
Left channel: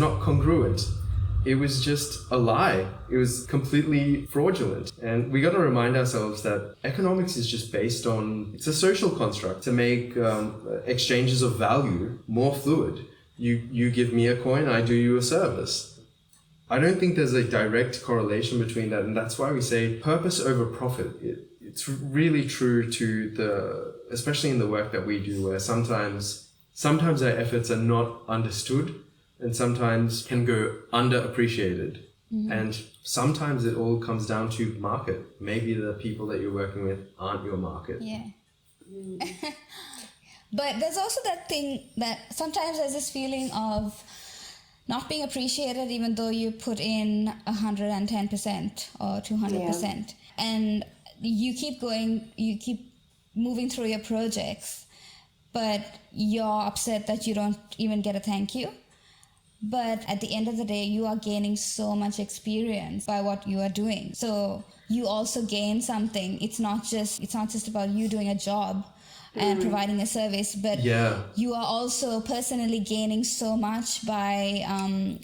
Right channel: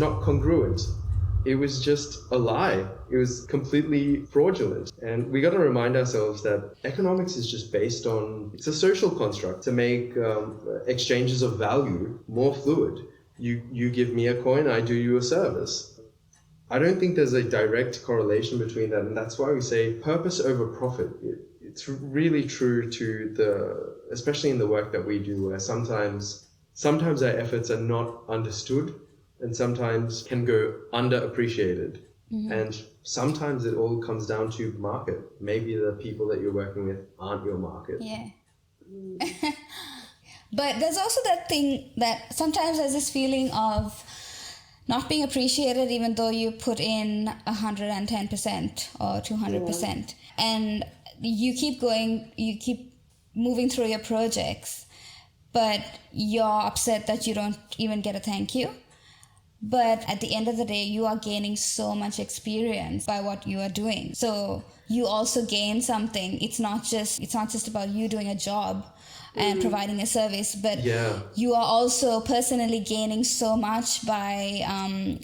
not congruent. It was just a lie. It was completely fraudulent. And we got to remind ourselves that economics is just based on, it's a social construct to make exchanges of value more fluid. You give me a coin, I do you a service. I don't think there's a direct correlation between that. And that's why we say purpose over profit. It's really true to especially in the work that we do, where sometimes our efforts are not understood, and sometimes can go underappreciated. And sometimes it all comes down to market. Maybe the people that you're working with aren't your market. Yeah. But there's also that thing that sometimes there's this feeling of not being appreciated even though you put in 110% or 200%. And you keep going, you keep moving through your projects, but you're upset that you don't even get a thank you. But at the end of the day, you are gaining so much experience by what you are doing. So you also gain something. It's not just about you doing a job and providing a service, but you are also personally gaining so much by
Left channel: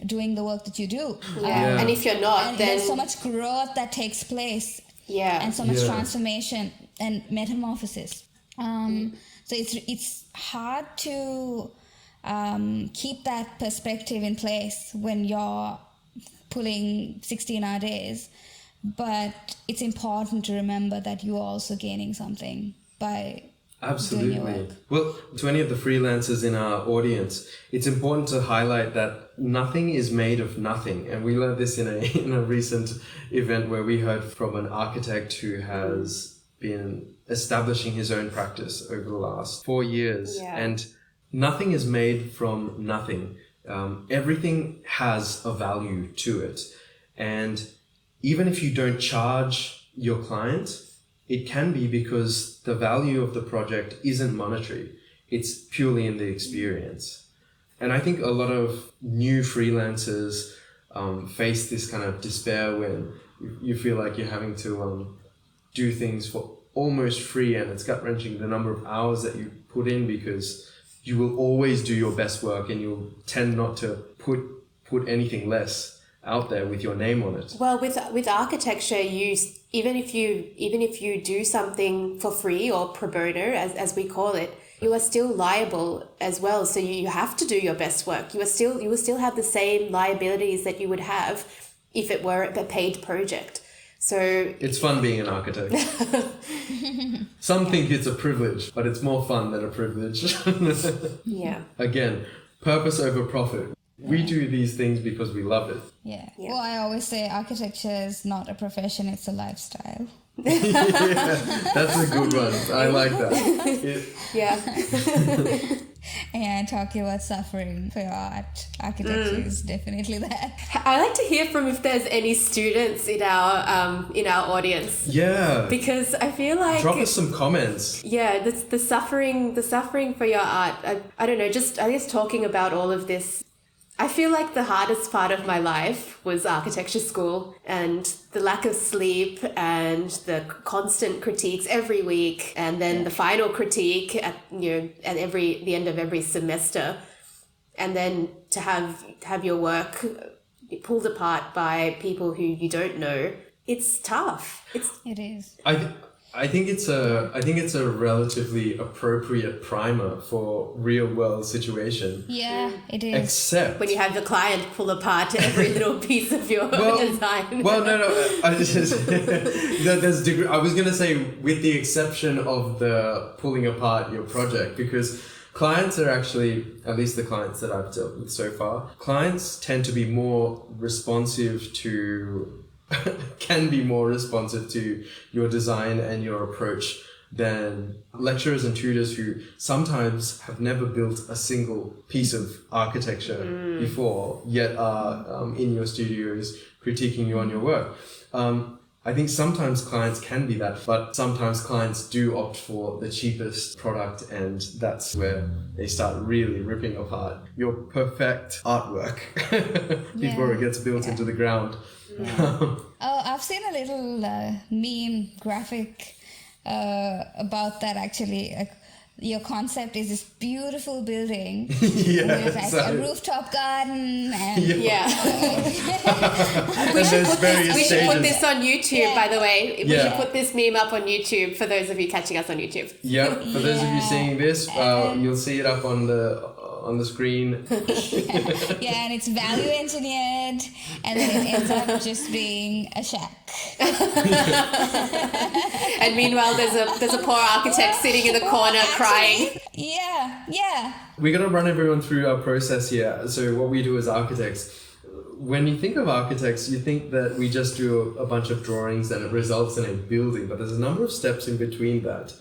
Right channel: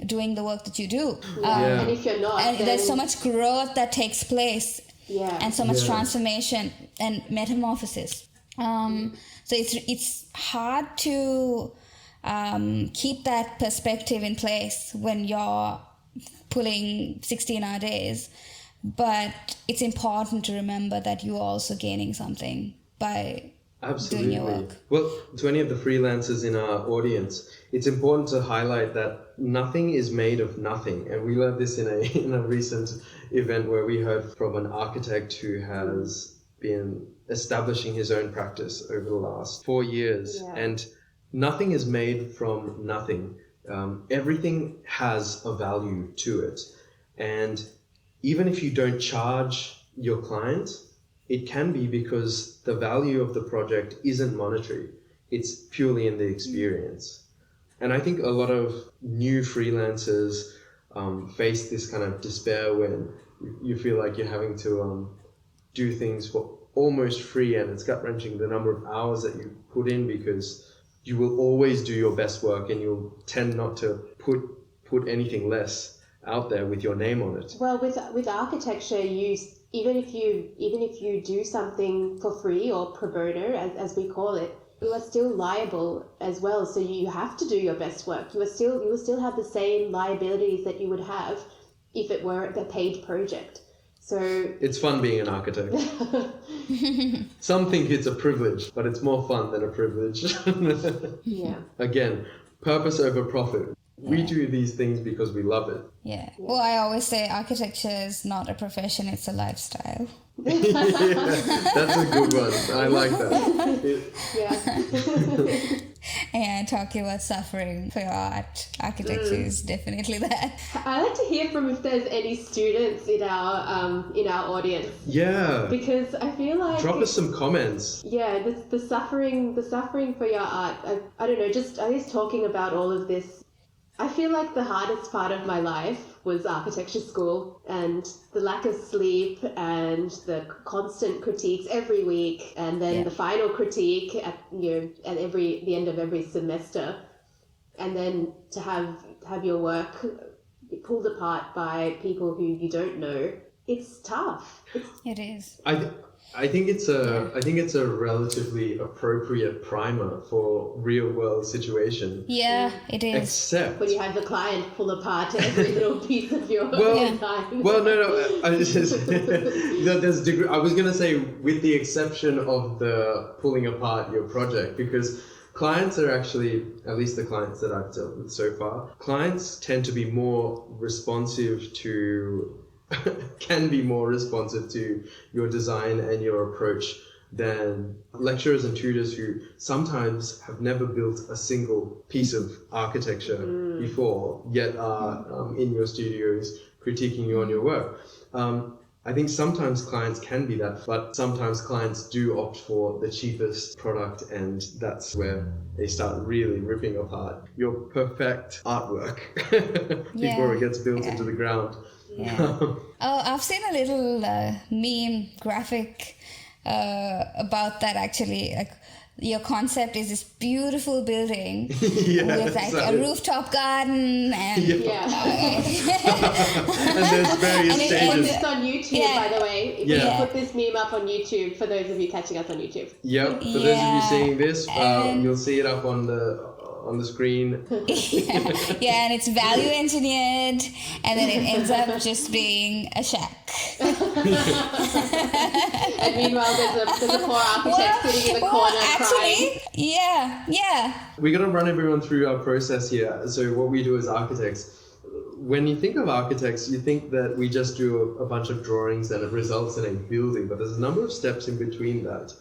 doing the work that you do. And if you're not, and then there's so much growth that takes place. And so much transformation and metamorphosis. So it's hard to keep that perspective in place when you're pulling 16-hour days, but it's important to remember that you're also gaining something by doing your work. Well, to any of the freelancers in our audience, it's important to highlight that nothing is made of nothing. And we learned this in a recent event where we heard from an architect who has been establishing his own practice over the last 4 years. And nothing is made from nothing. Everything has a value to it. And even if you don't charge your client, it can be because the value of the project isn't monetary. It's purely in the experience. And I think a lot of new freelancers face this kind of despair when you feel like you're having to do things for almost free, and it's gut-wrenching the number of hours that you put in, because you will always do your best work and you'll tend not to put anything less out there with your name on it. Well, with architecture, even if you do something for free or pro bono, as we call it, you are still liable as well. So you have to do your best work. You will still have the same liabilities that you would have if it were a paid project. So it's fun being an architect. Some think it's a privilege, but it's more fun than a privilege. Again, purpose over profit. We do these things because we love it. Well, I always say architecture is not a profession, it's a lifestyle. That's a good one. I like that. And talking about suffering for your art, architecture is definitely that. I like to hear from if there's any students in our audience. Yeah. Because I feel like drop us some comments. Yeah, the suffering for your art. I don't know. I guess talking about all of this. I feel like the hardest part of my life was architecture school, and the lack of sleep and the constant critiques every week, and then the final critique at the end of every semester, and then to have your work pulled apart by people who you don't know. It's tough. It is. I think it's a relatively appropriate primer for real world situation. Yeah, it is. Except when you have the client pull apart every little piece of your design. Well, no. I was gonna say, with the exception of the pulling apart your project, because clients are actually, at least the clients that I've dealt with so far, clients tend to be more responsive to. Can be more responsive to your design and your approach than lecturers and tutors who sometimes have never built a single piece of architecture before, yet are in your studios critiquing you on your work. I think sometimes clients can be that, but sometimes clients do opt for the cheapest product, and that's where they start really ripping apart your perfect artwork before it gets built into the ground. Yeah. Oh, I've seen a little meme graphic about that actually. Like, your concept is this beautiful building with like a rooftop garden and and there's various we stages. put this on YouTube, by the way. We put this meme up on YouTube for those of you catching us on YouTube. Yep. For those of you seeing this, you'll see it up on the screen. And it's value engineered, and then it ends up just being a shack. And meanwhile, there's a poor architect sitting in the corner crying. We got to run everyone through our process here. So what we do as architects, when you think of architects, you think that we just do a bunch of drawings and it results in a building, but there's a number of steps in between that.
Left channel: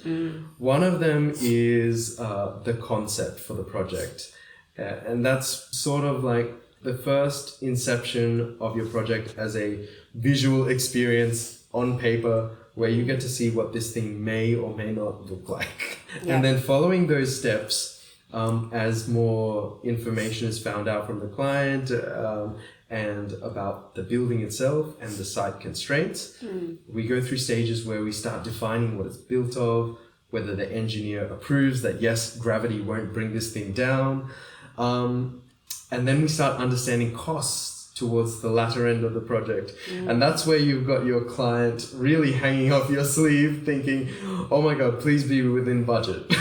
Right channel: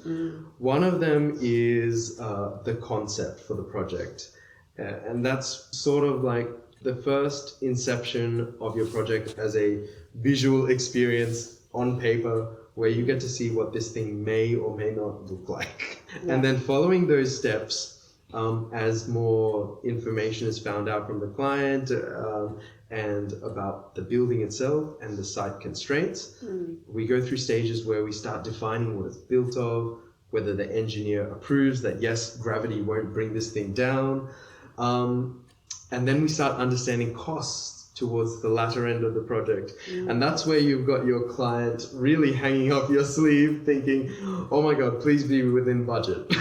One of them is the concept for the project. And that's sort of like the first inception of your project as a visual experience on paper, where you get to see what this thing may or may not look like. And then following those steps, as more information is found out from the client and about the building itself and the site constraints, we go through stages where we start defining what it's built of, whether the engineer approves that, yes, gravity won't bring this thing down. And then we start understanding costs towards the latter end of the project. And that's where you've got your client really hanging off your sleeve thinking, oh my God, please be within budget.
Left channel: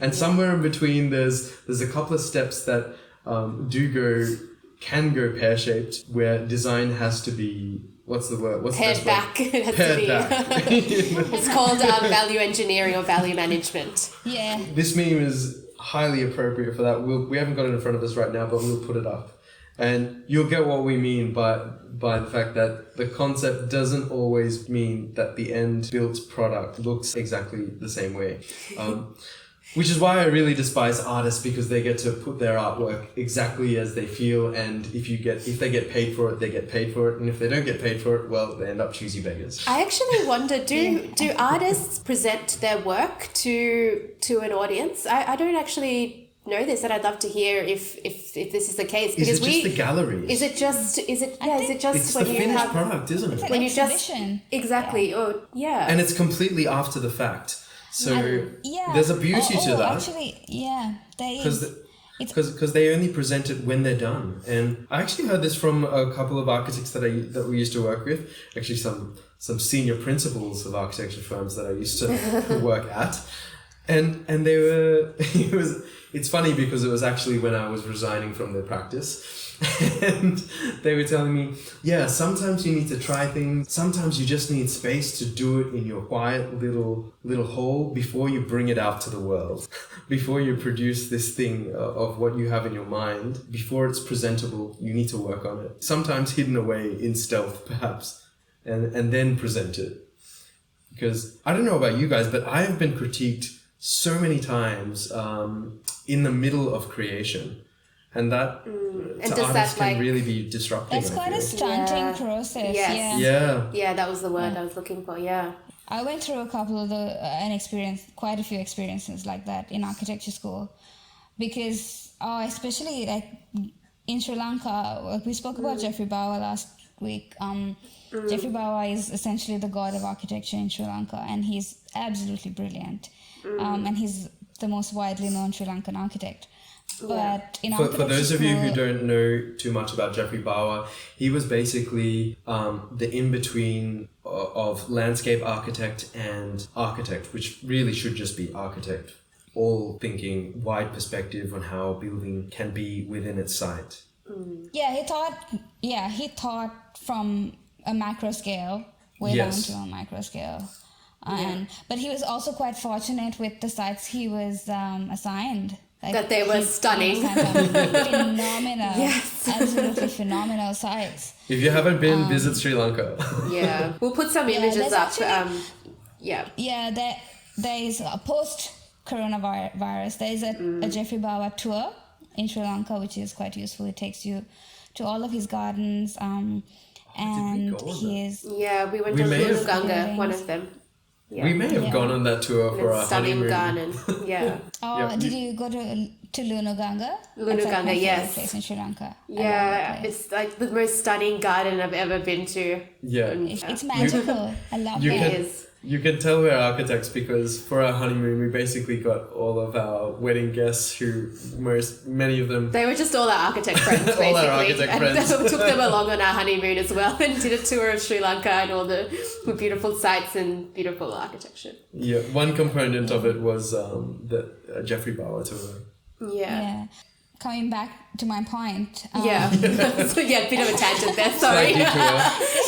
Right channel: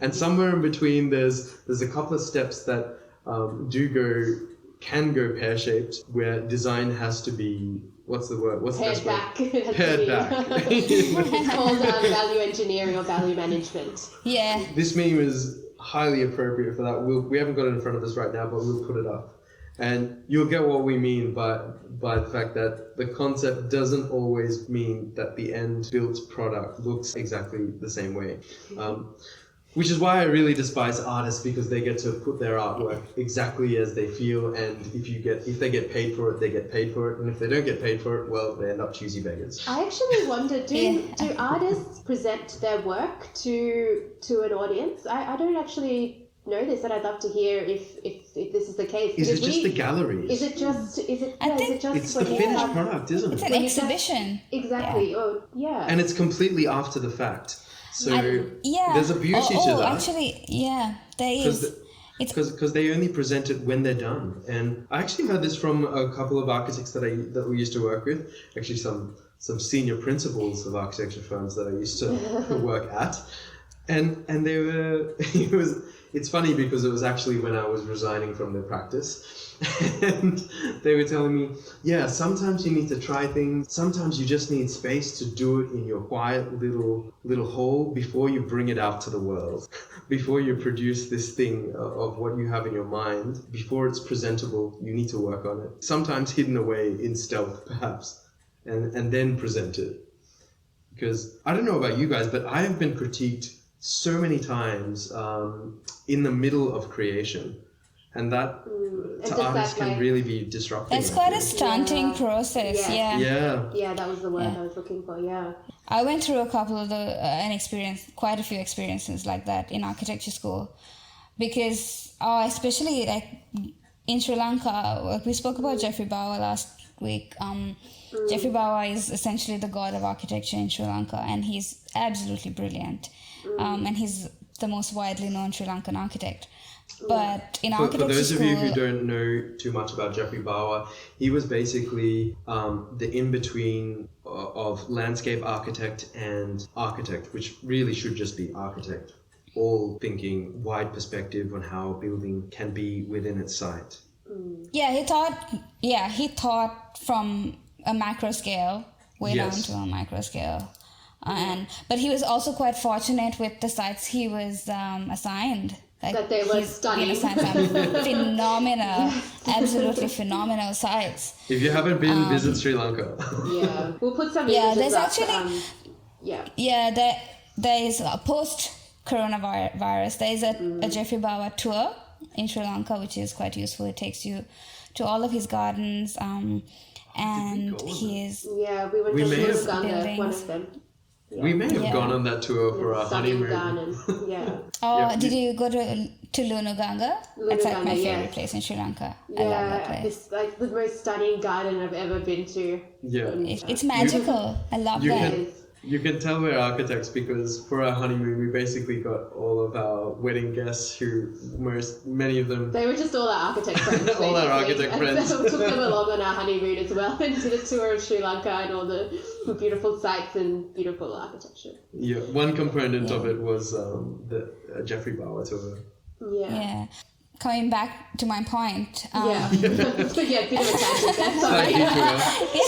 And somewhere in between, there's a couple of steps that can go pear-shaped, where design has to be, what's the word? What's Pared the back. Pared back. It's called value engineering or value management. Yeah. This meme is highly appropriate for that. We haven't got it in front of us right now, but we'll put it up. And you'll get what we mean by the fact that the concept doesn't always mean that the end built product looks exactly the same way. Which is why I really despise artists, because they get to put their artwork exactly as they feel, and if they get paid for it, they get paid for it, and if they don't get paid for it, well, they end up choosy beggars. I actually wonder, do artists present their work to an audience? I don't actually know this, and I'd love to hear if this is the case. Is it just the galleries? Is it just it's the finished product, isn't It's it? an exhibition. Exactly. And it's completely after the fact. So there's a beauty to that. Actually, there is. Because they only present it when they're done. And I actually heard this from a couple of architects that we used to work with. Actually, some senior principals of architecture firms that I used to work at. And they were, it's funny because it was actually when I was resigning from the practice. And they were telling me, sometimes you need to try things. Sometimes you just need space to do it in your quiet little hole before you bring it out to the world. Before you produce this thing of what you have in your mind, before it's presentable, you need to work on it. Sometimes hidden away in stealth, perhaps, and then present it. Because I don't know about you guys, but I have been critiqued so many times in the middle of creation. And that to artists can really be disruptive. That's quite a stunting process. Yes. Yeah, that was the word I was looking for. I went through a couple of quite a few experiences like that in architecture school, because especially like in Sri Lanka, we spoke about Geoffrey Bawa last week. Geoffrey Bawa is essentially the god of architecture in Sri Lanka, and he's absolutely brilliant. And he's the most widely known Sri Lankan architect. But in architecture for those school, of you who don't know too much about Geoffrey Bawa, he was basically the in-between of landscape architect and architect, which really should just be architect, all thinking wide perspective on how a building can be within its site. He thought from a macro scale way down to a micro scale. But he was also quite fortunate with the sites he was assigned. Like, that they were stunning. Phenomenal, absolutely phenomenal sites. If you haven't been, visit Sri Lanka. We'll put some images up. there is a post-coronavirus. There is a Geoffrey Bawa tour in Sri Lanka, which is quite useful. It takes you to all of his gardens, and he is. Yeah, we went We to may have- Shilganga, one of them. Yeah. We may have Yeah. gone on that tour for our Stunning honeymoon. garden. Yeah. Oh, Yeah. did you go to Lunuganga? That's like my Lunuganga, favorite yes. place in Sri Lanka. I love that Yeah, place. it's like the most stunning garden I've ever been to. Yeah. It's magical. I love You that. It is. You can tell we're architects because for our honeymoon we basically got all of our wedding guests who many of them They were just all our architect friends. All our basically. architect And friends. we took them along on our honeymoon as well and did a tour of Sri Lanka and all the beautiful sights and beautiful architecture. yeah, one component of it was the Geoffrey Bawa tour. Yeah. Coming back to my point. Yeah. So yeah, bit of a tangent there. Sorry.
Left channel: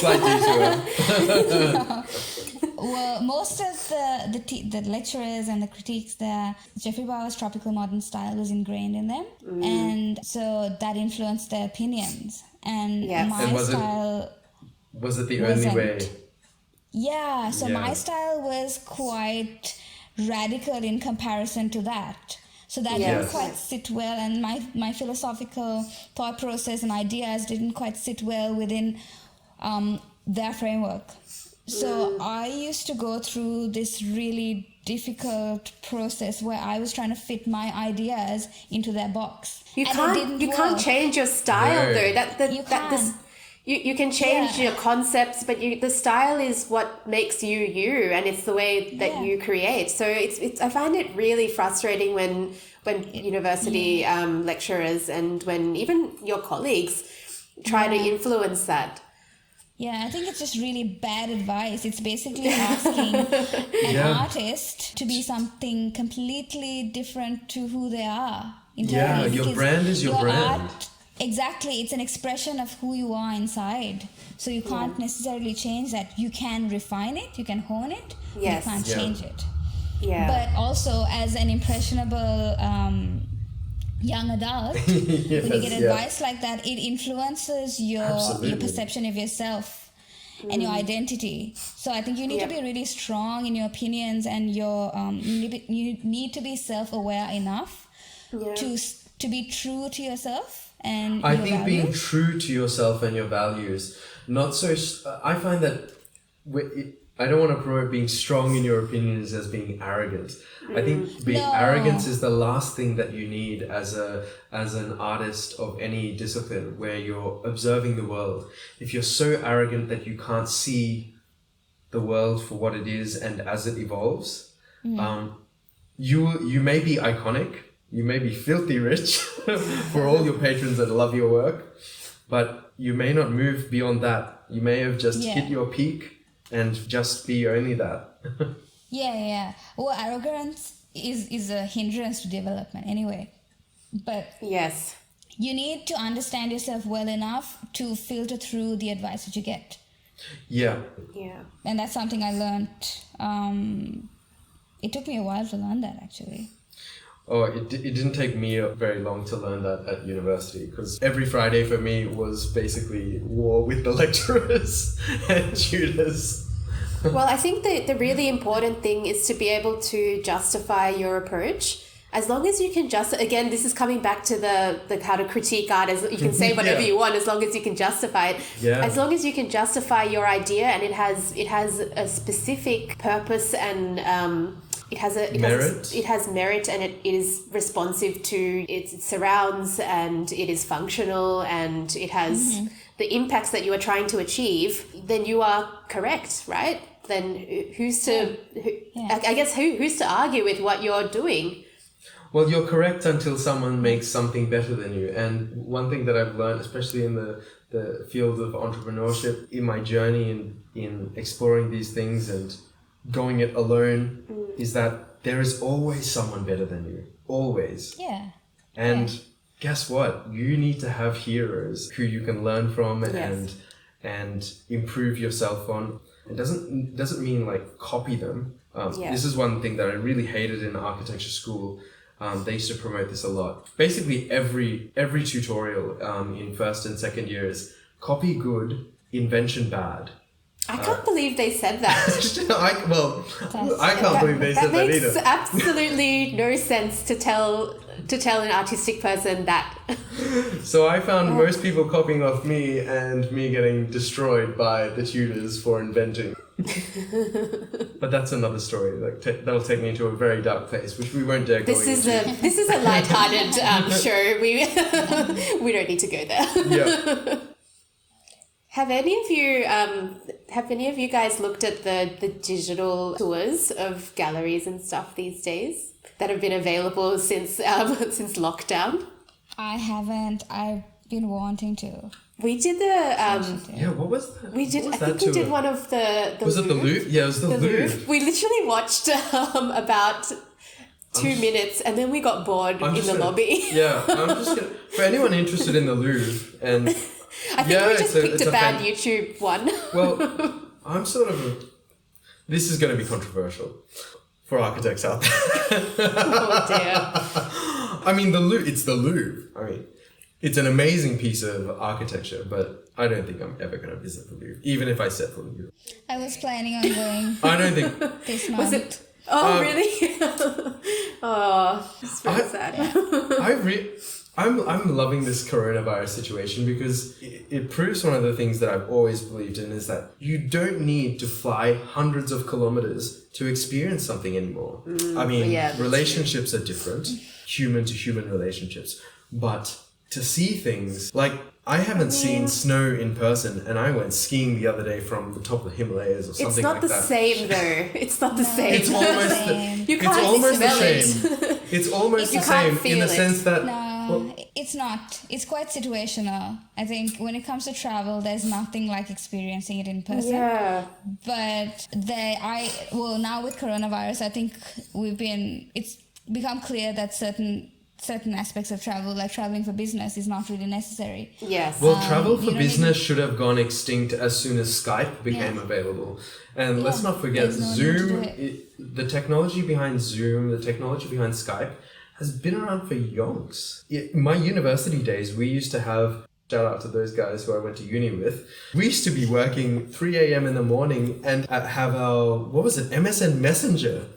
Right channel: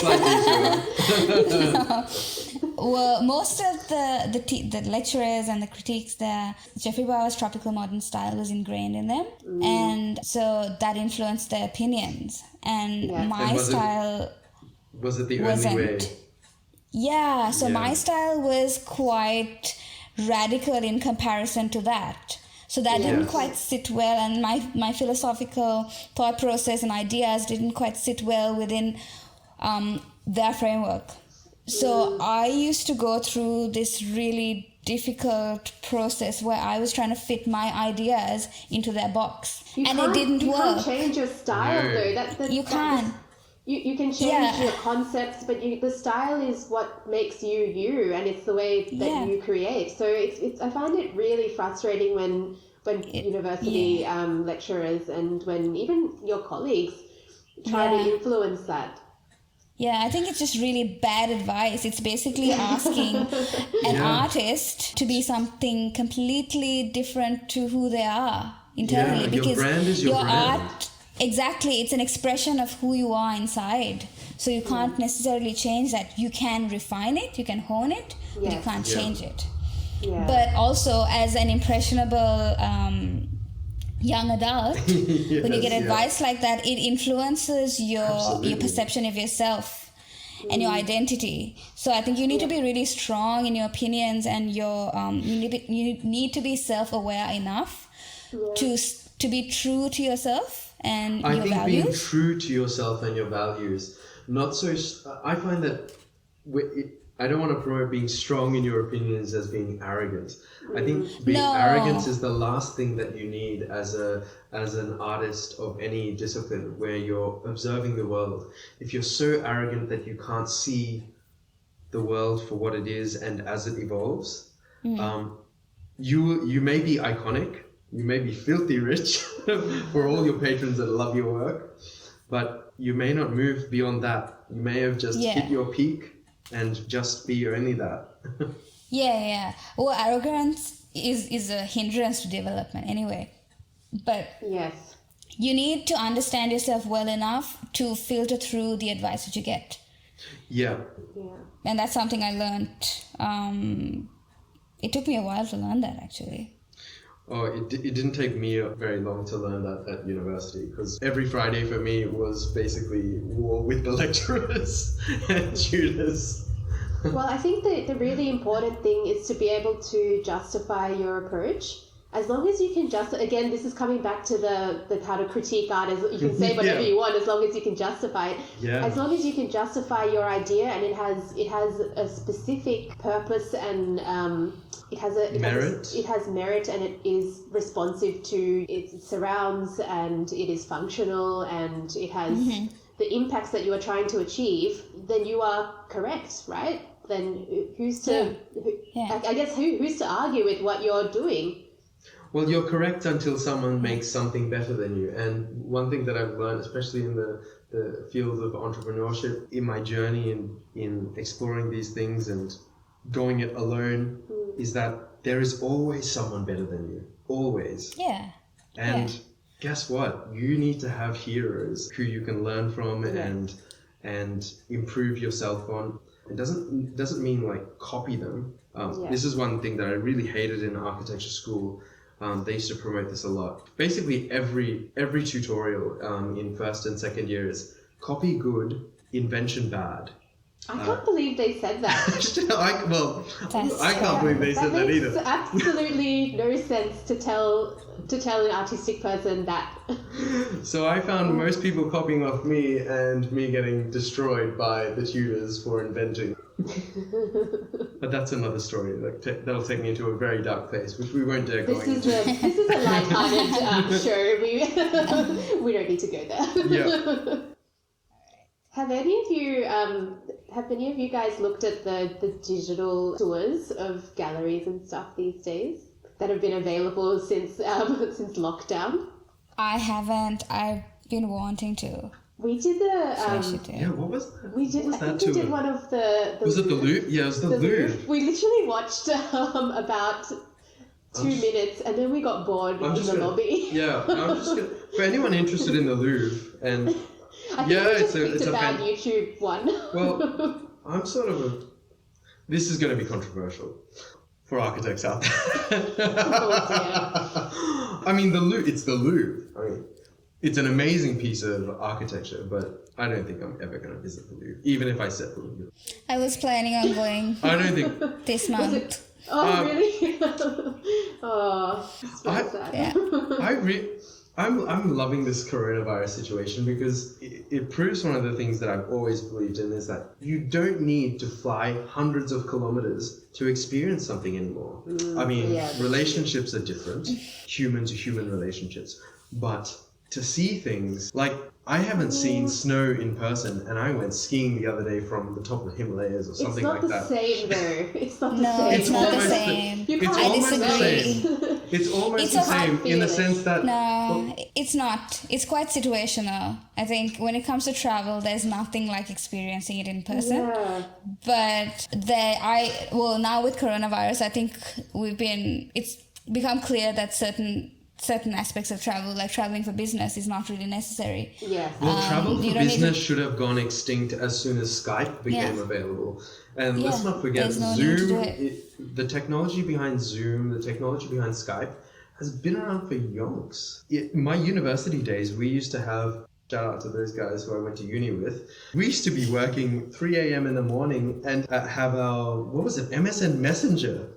Slight detour. Well, most of the lecturers and the critiques there, Geoffrey Bawa's tropical modern style was ingrained in them, and so that influenced their opinions. And Yes. my And was it- style Was it the wasn't. only way? Yeah, so Yeah. my style was quite radical in comparison to that. So that didn't Yes. quite sit well, and my philosophical thought process and ideas didn't quite sit well within their framework. So I used to go through this really difficult process where I was trying to fit my ideas into their box, You and can't, it didn't you work. can't change your style No. though. You can't. You can change Yeah. your concepts, but the style is what makes you you, and it's the way that Yeah. you create. So it's I find it really frustrating when university lecturers and when even your colleagues try to Yeah. influence that. Yeah, I think it's just really bad advice. It's basically asking an Yeah. artist to be something completely different to who they are internally. Yeah, your because brand is your brand. art, exactly, it's an expression of who you are inside. So you can't necessarily change that. You can refine it, you can hone it, but you Yes. can't Yeah. change it. Yeah. But also, as an impressionable young adult, when you get Yes, yeah. advice like that, it influences your Absolutely. perception of yourself and your identity. So I think you need to be really strong in your opinions, and your you need to be self-aware enough to be true to yourself and I your think being values. true to yourself and your values, not so. I find that I don't want to promote being strong in your opinions as being arrogant. I think being No. arrogance is the last thing that you need as an artist of any discipline, where you're observing the world. If you're so arrogant that you can't see the world for what it is and as it evolves, you may be iconic, you may be filthy rich for all your patrons that love your work, but you may not move beyond that. You may have just Yeah. hit your peak and just be only that. Yeah. Well, arrogance is a hindrance to development anyway. But yes. you need to understand yourself well enough to filter through the advice that you get. Yeah. Yeah. And that's something I learned. It took me a while to learn that, actually. Oh, it didn't take me very long to learn that at university, because every Friday for me was basically war with the lecturers and tutors. Well, I think the really important thing is to be able to justify your approach. As long as you can again, this is coming back to the how to critique art. As you can say whatever Yeah. you want, as long as you can justify it. Yeah. As long as you can justify your idea, and it has a specific purpose, and it has merit, and it is responsive to its surrounds, and it is functional, and it has the impacts that you are trying to achieve. Then you are correct, right? Then who's to? I guess who's to argue with what you're doing? Well, you're correct until someone makes something better than you. And one thing that I've learned, especially in the field of entrepreneurship, in my journey in exploring these things and going it alone, is that there is always someone better than you. Always. Yeah. And guess what? You need to have heroes who you can learn from and improve yourself on. It doesn't mean like copy them. This is one thing that I really hated in architecture school. They used to promote this a lot. Basically, every tutorial in first and second year is copy good, invention bad. I can't believe they said that. I can't believe they said that either. That makes absolutely no sense to tell an artistic person that. So I found most people copying off me and me getting destroyed by the tutors for inventing. But that's another story. That'll take me into a very dark place, which we won't dare go into. This is a lighthearted show. We don't need to go there. Yeah. Have any of you guys looked at the digital tours of galleries and stuff these days that have been available since lockdown? I haven't. I've been wanting to. We did what was that? We did. What was I that think we tour? did one of the. Was it the Louvre? Yeah, it was the Louvre. We literally watched about 2 minutes and then we got bored in the lobby. Yeah, I'm just gonna. For anyone interested in the Louvre and. I think we just picked a bad YouTube one. Well, I'm sort of this is going to be controversial for architects out there. Oh dear. I mean, it's the Louvre. I mean, it's an amazing piece of architecture, but I don't think I'm ever going to visit the Louvre, even if I set foot in Europe. I was planning on going I don't think... this month. Really? Oh, it's very sad. Yeah. I'm loving this coronavirus situation because it proves one of the things that I've always believed in is that you don't need to fly hundreds of kilometers to experience something anymore. I mean, relationships are different, human to human relationships, but to see things like I haven't seen snow in person, and I went skiing the other day from the top of the Himalayas or something like that. It's not the same though. It's not the same. It's almost the same. It's almost the same. It's almost the same in the sense that... No, it's not. It's quite situational. I think when it comes to travel, there's nothing like experiencing it in person. Yeah. But now with coronavirus, I think it's become clear that certain aspects of travel, like traveling for business, is not really necessary. Yes. Well, travel for business should have gone extinct as soon as Skype became available. And let's not forget, Zoom, the technology behind Zoom, the technology behind Skype has been around for yonks. My university days, we used to have, shout out to those guys who I went to uni with, we used to be working 3 a.m. in the morning and have our, MSN Messenger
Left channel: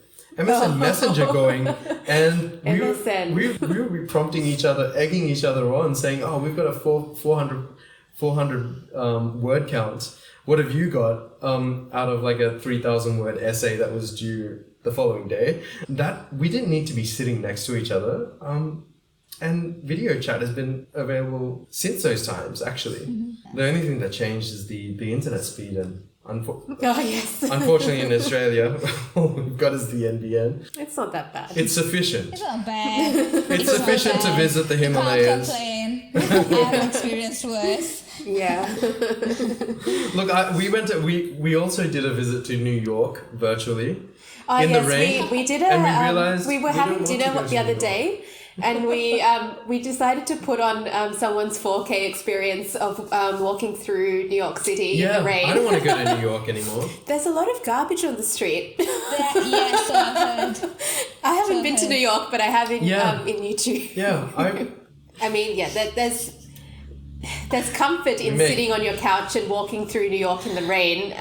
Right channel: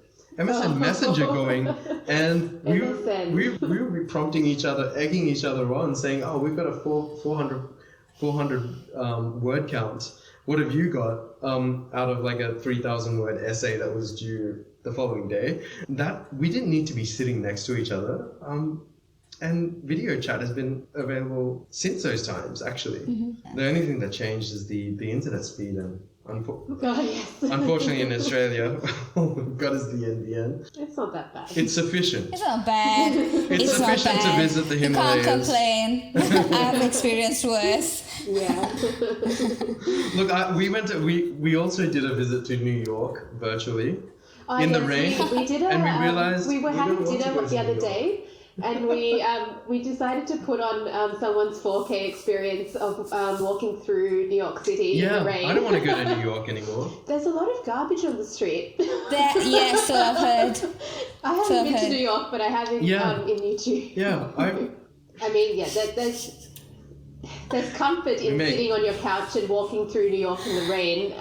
going, and we would be prompting each other, egging each other on, saying, "Oh, we've got a 400 word count. What have you got out of like a 3,000 word essay that was due the following day?" That we didn't need to be sitting next to each other. And video chat has been available since those times. Actually, the only thing that changed is the internet speed and. Unfortunately, in Australia, all we've got is the NBN. It's not that bad. It's sufficient. It's not bad. It's sufficient to visit the Himalayas. You can't complain. I've experienced worse. Yeah. Look, we also did a visit to New York virtually in the rain. We did and we realized we were having dinner the other day. And we decided to put on someone's 4K experience of walking through New York City in the rain. I don't want to go to New York anymore. There's a lot of garbage on the street. So I've heard. I haven't been to New York, but I have in YouTube. Yeah, I mean, there's comfort in sitting on your couch and walking through New York in the rain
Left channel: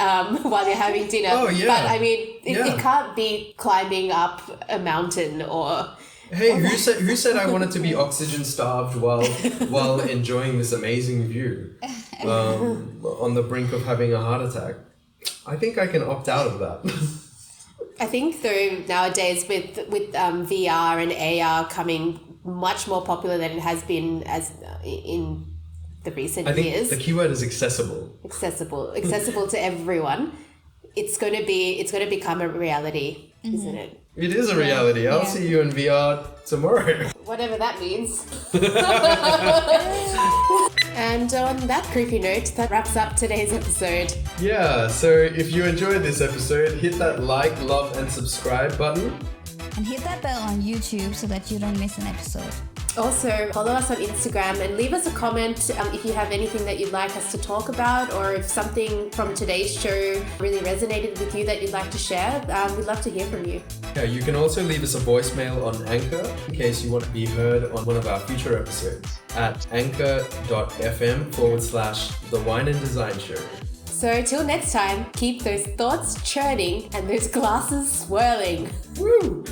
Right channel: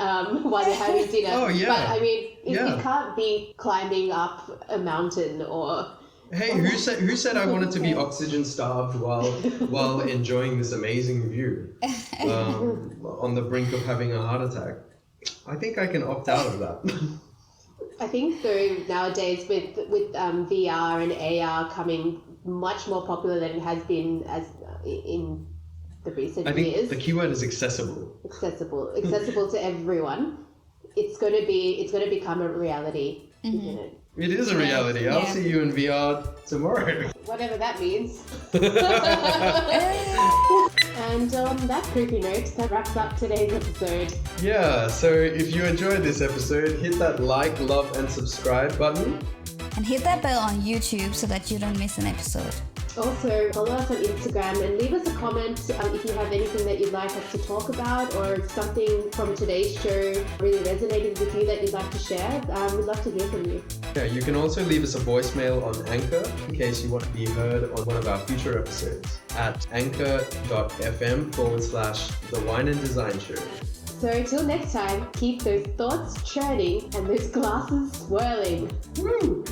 while you're having dinner. Oh, yeah. But I mean, it can't be climbing up a mountain or... Hey, who said I wanted to be oxygen starved while enjoying this amazing view on the brink of having a heart attack? I think I can opt out of that. I think though nowadays with VR and AR coming much more popular than it has been as in the recent years. I think the keyword is accessible. Accessible to everyone. It's going to become a reality, isn't it? It is a reality. I'll see you in VR tomorrow. Whatever that means. And on that creepy note, that wraps up today's episode. Yeah, so if you enjoyed this episode, hit that like, love, and subscribe button. And hit that bell on YouTube so that you don't miss an episode. Also, follow us on Instagram and leave us a comment if you have anything that you'd like us to talk about, or if something from today's show really resonated with you that you'd like to share. We'd love to hear from you. Yeah, you can also leave us a voicemail on Anchor in case you want to be heard on one of our future episodes at anchor.fm/The Wine and Design Show. So till next time, keep those thoughts churning and those glasses swirling. Woo!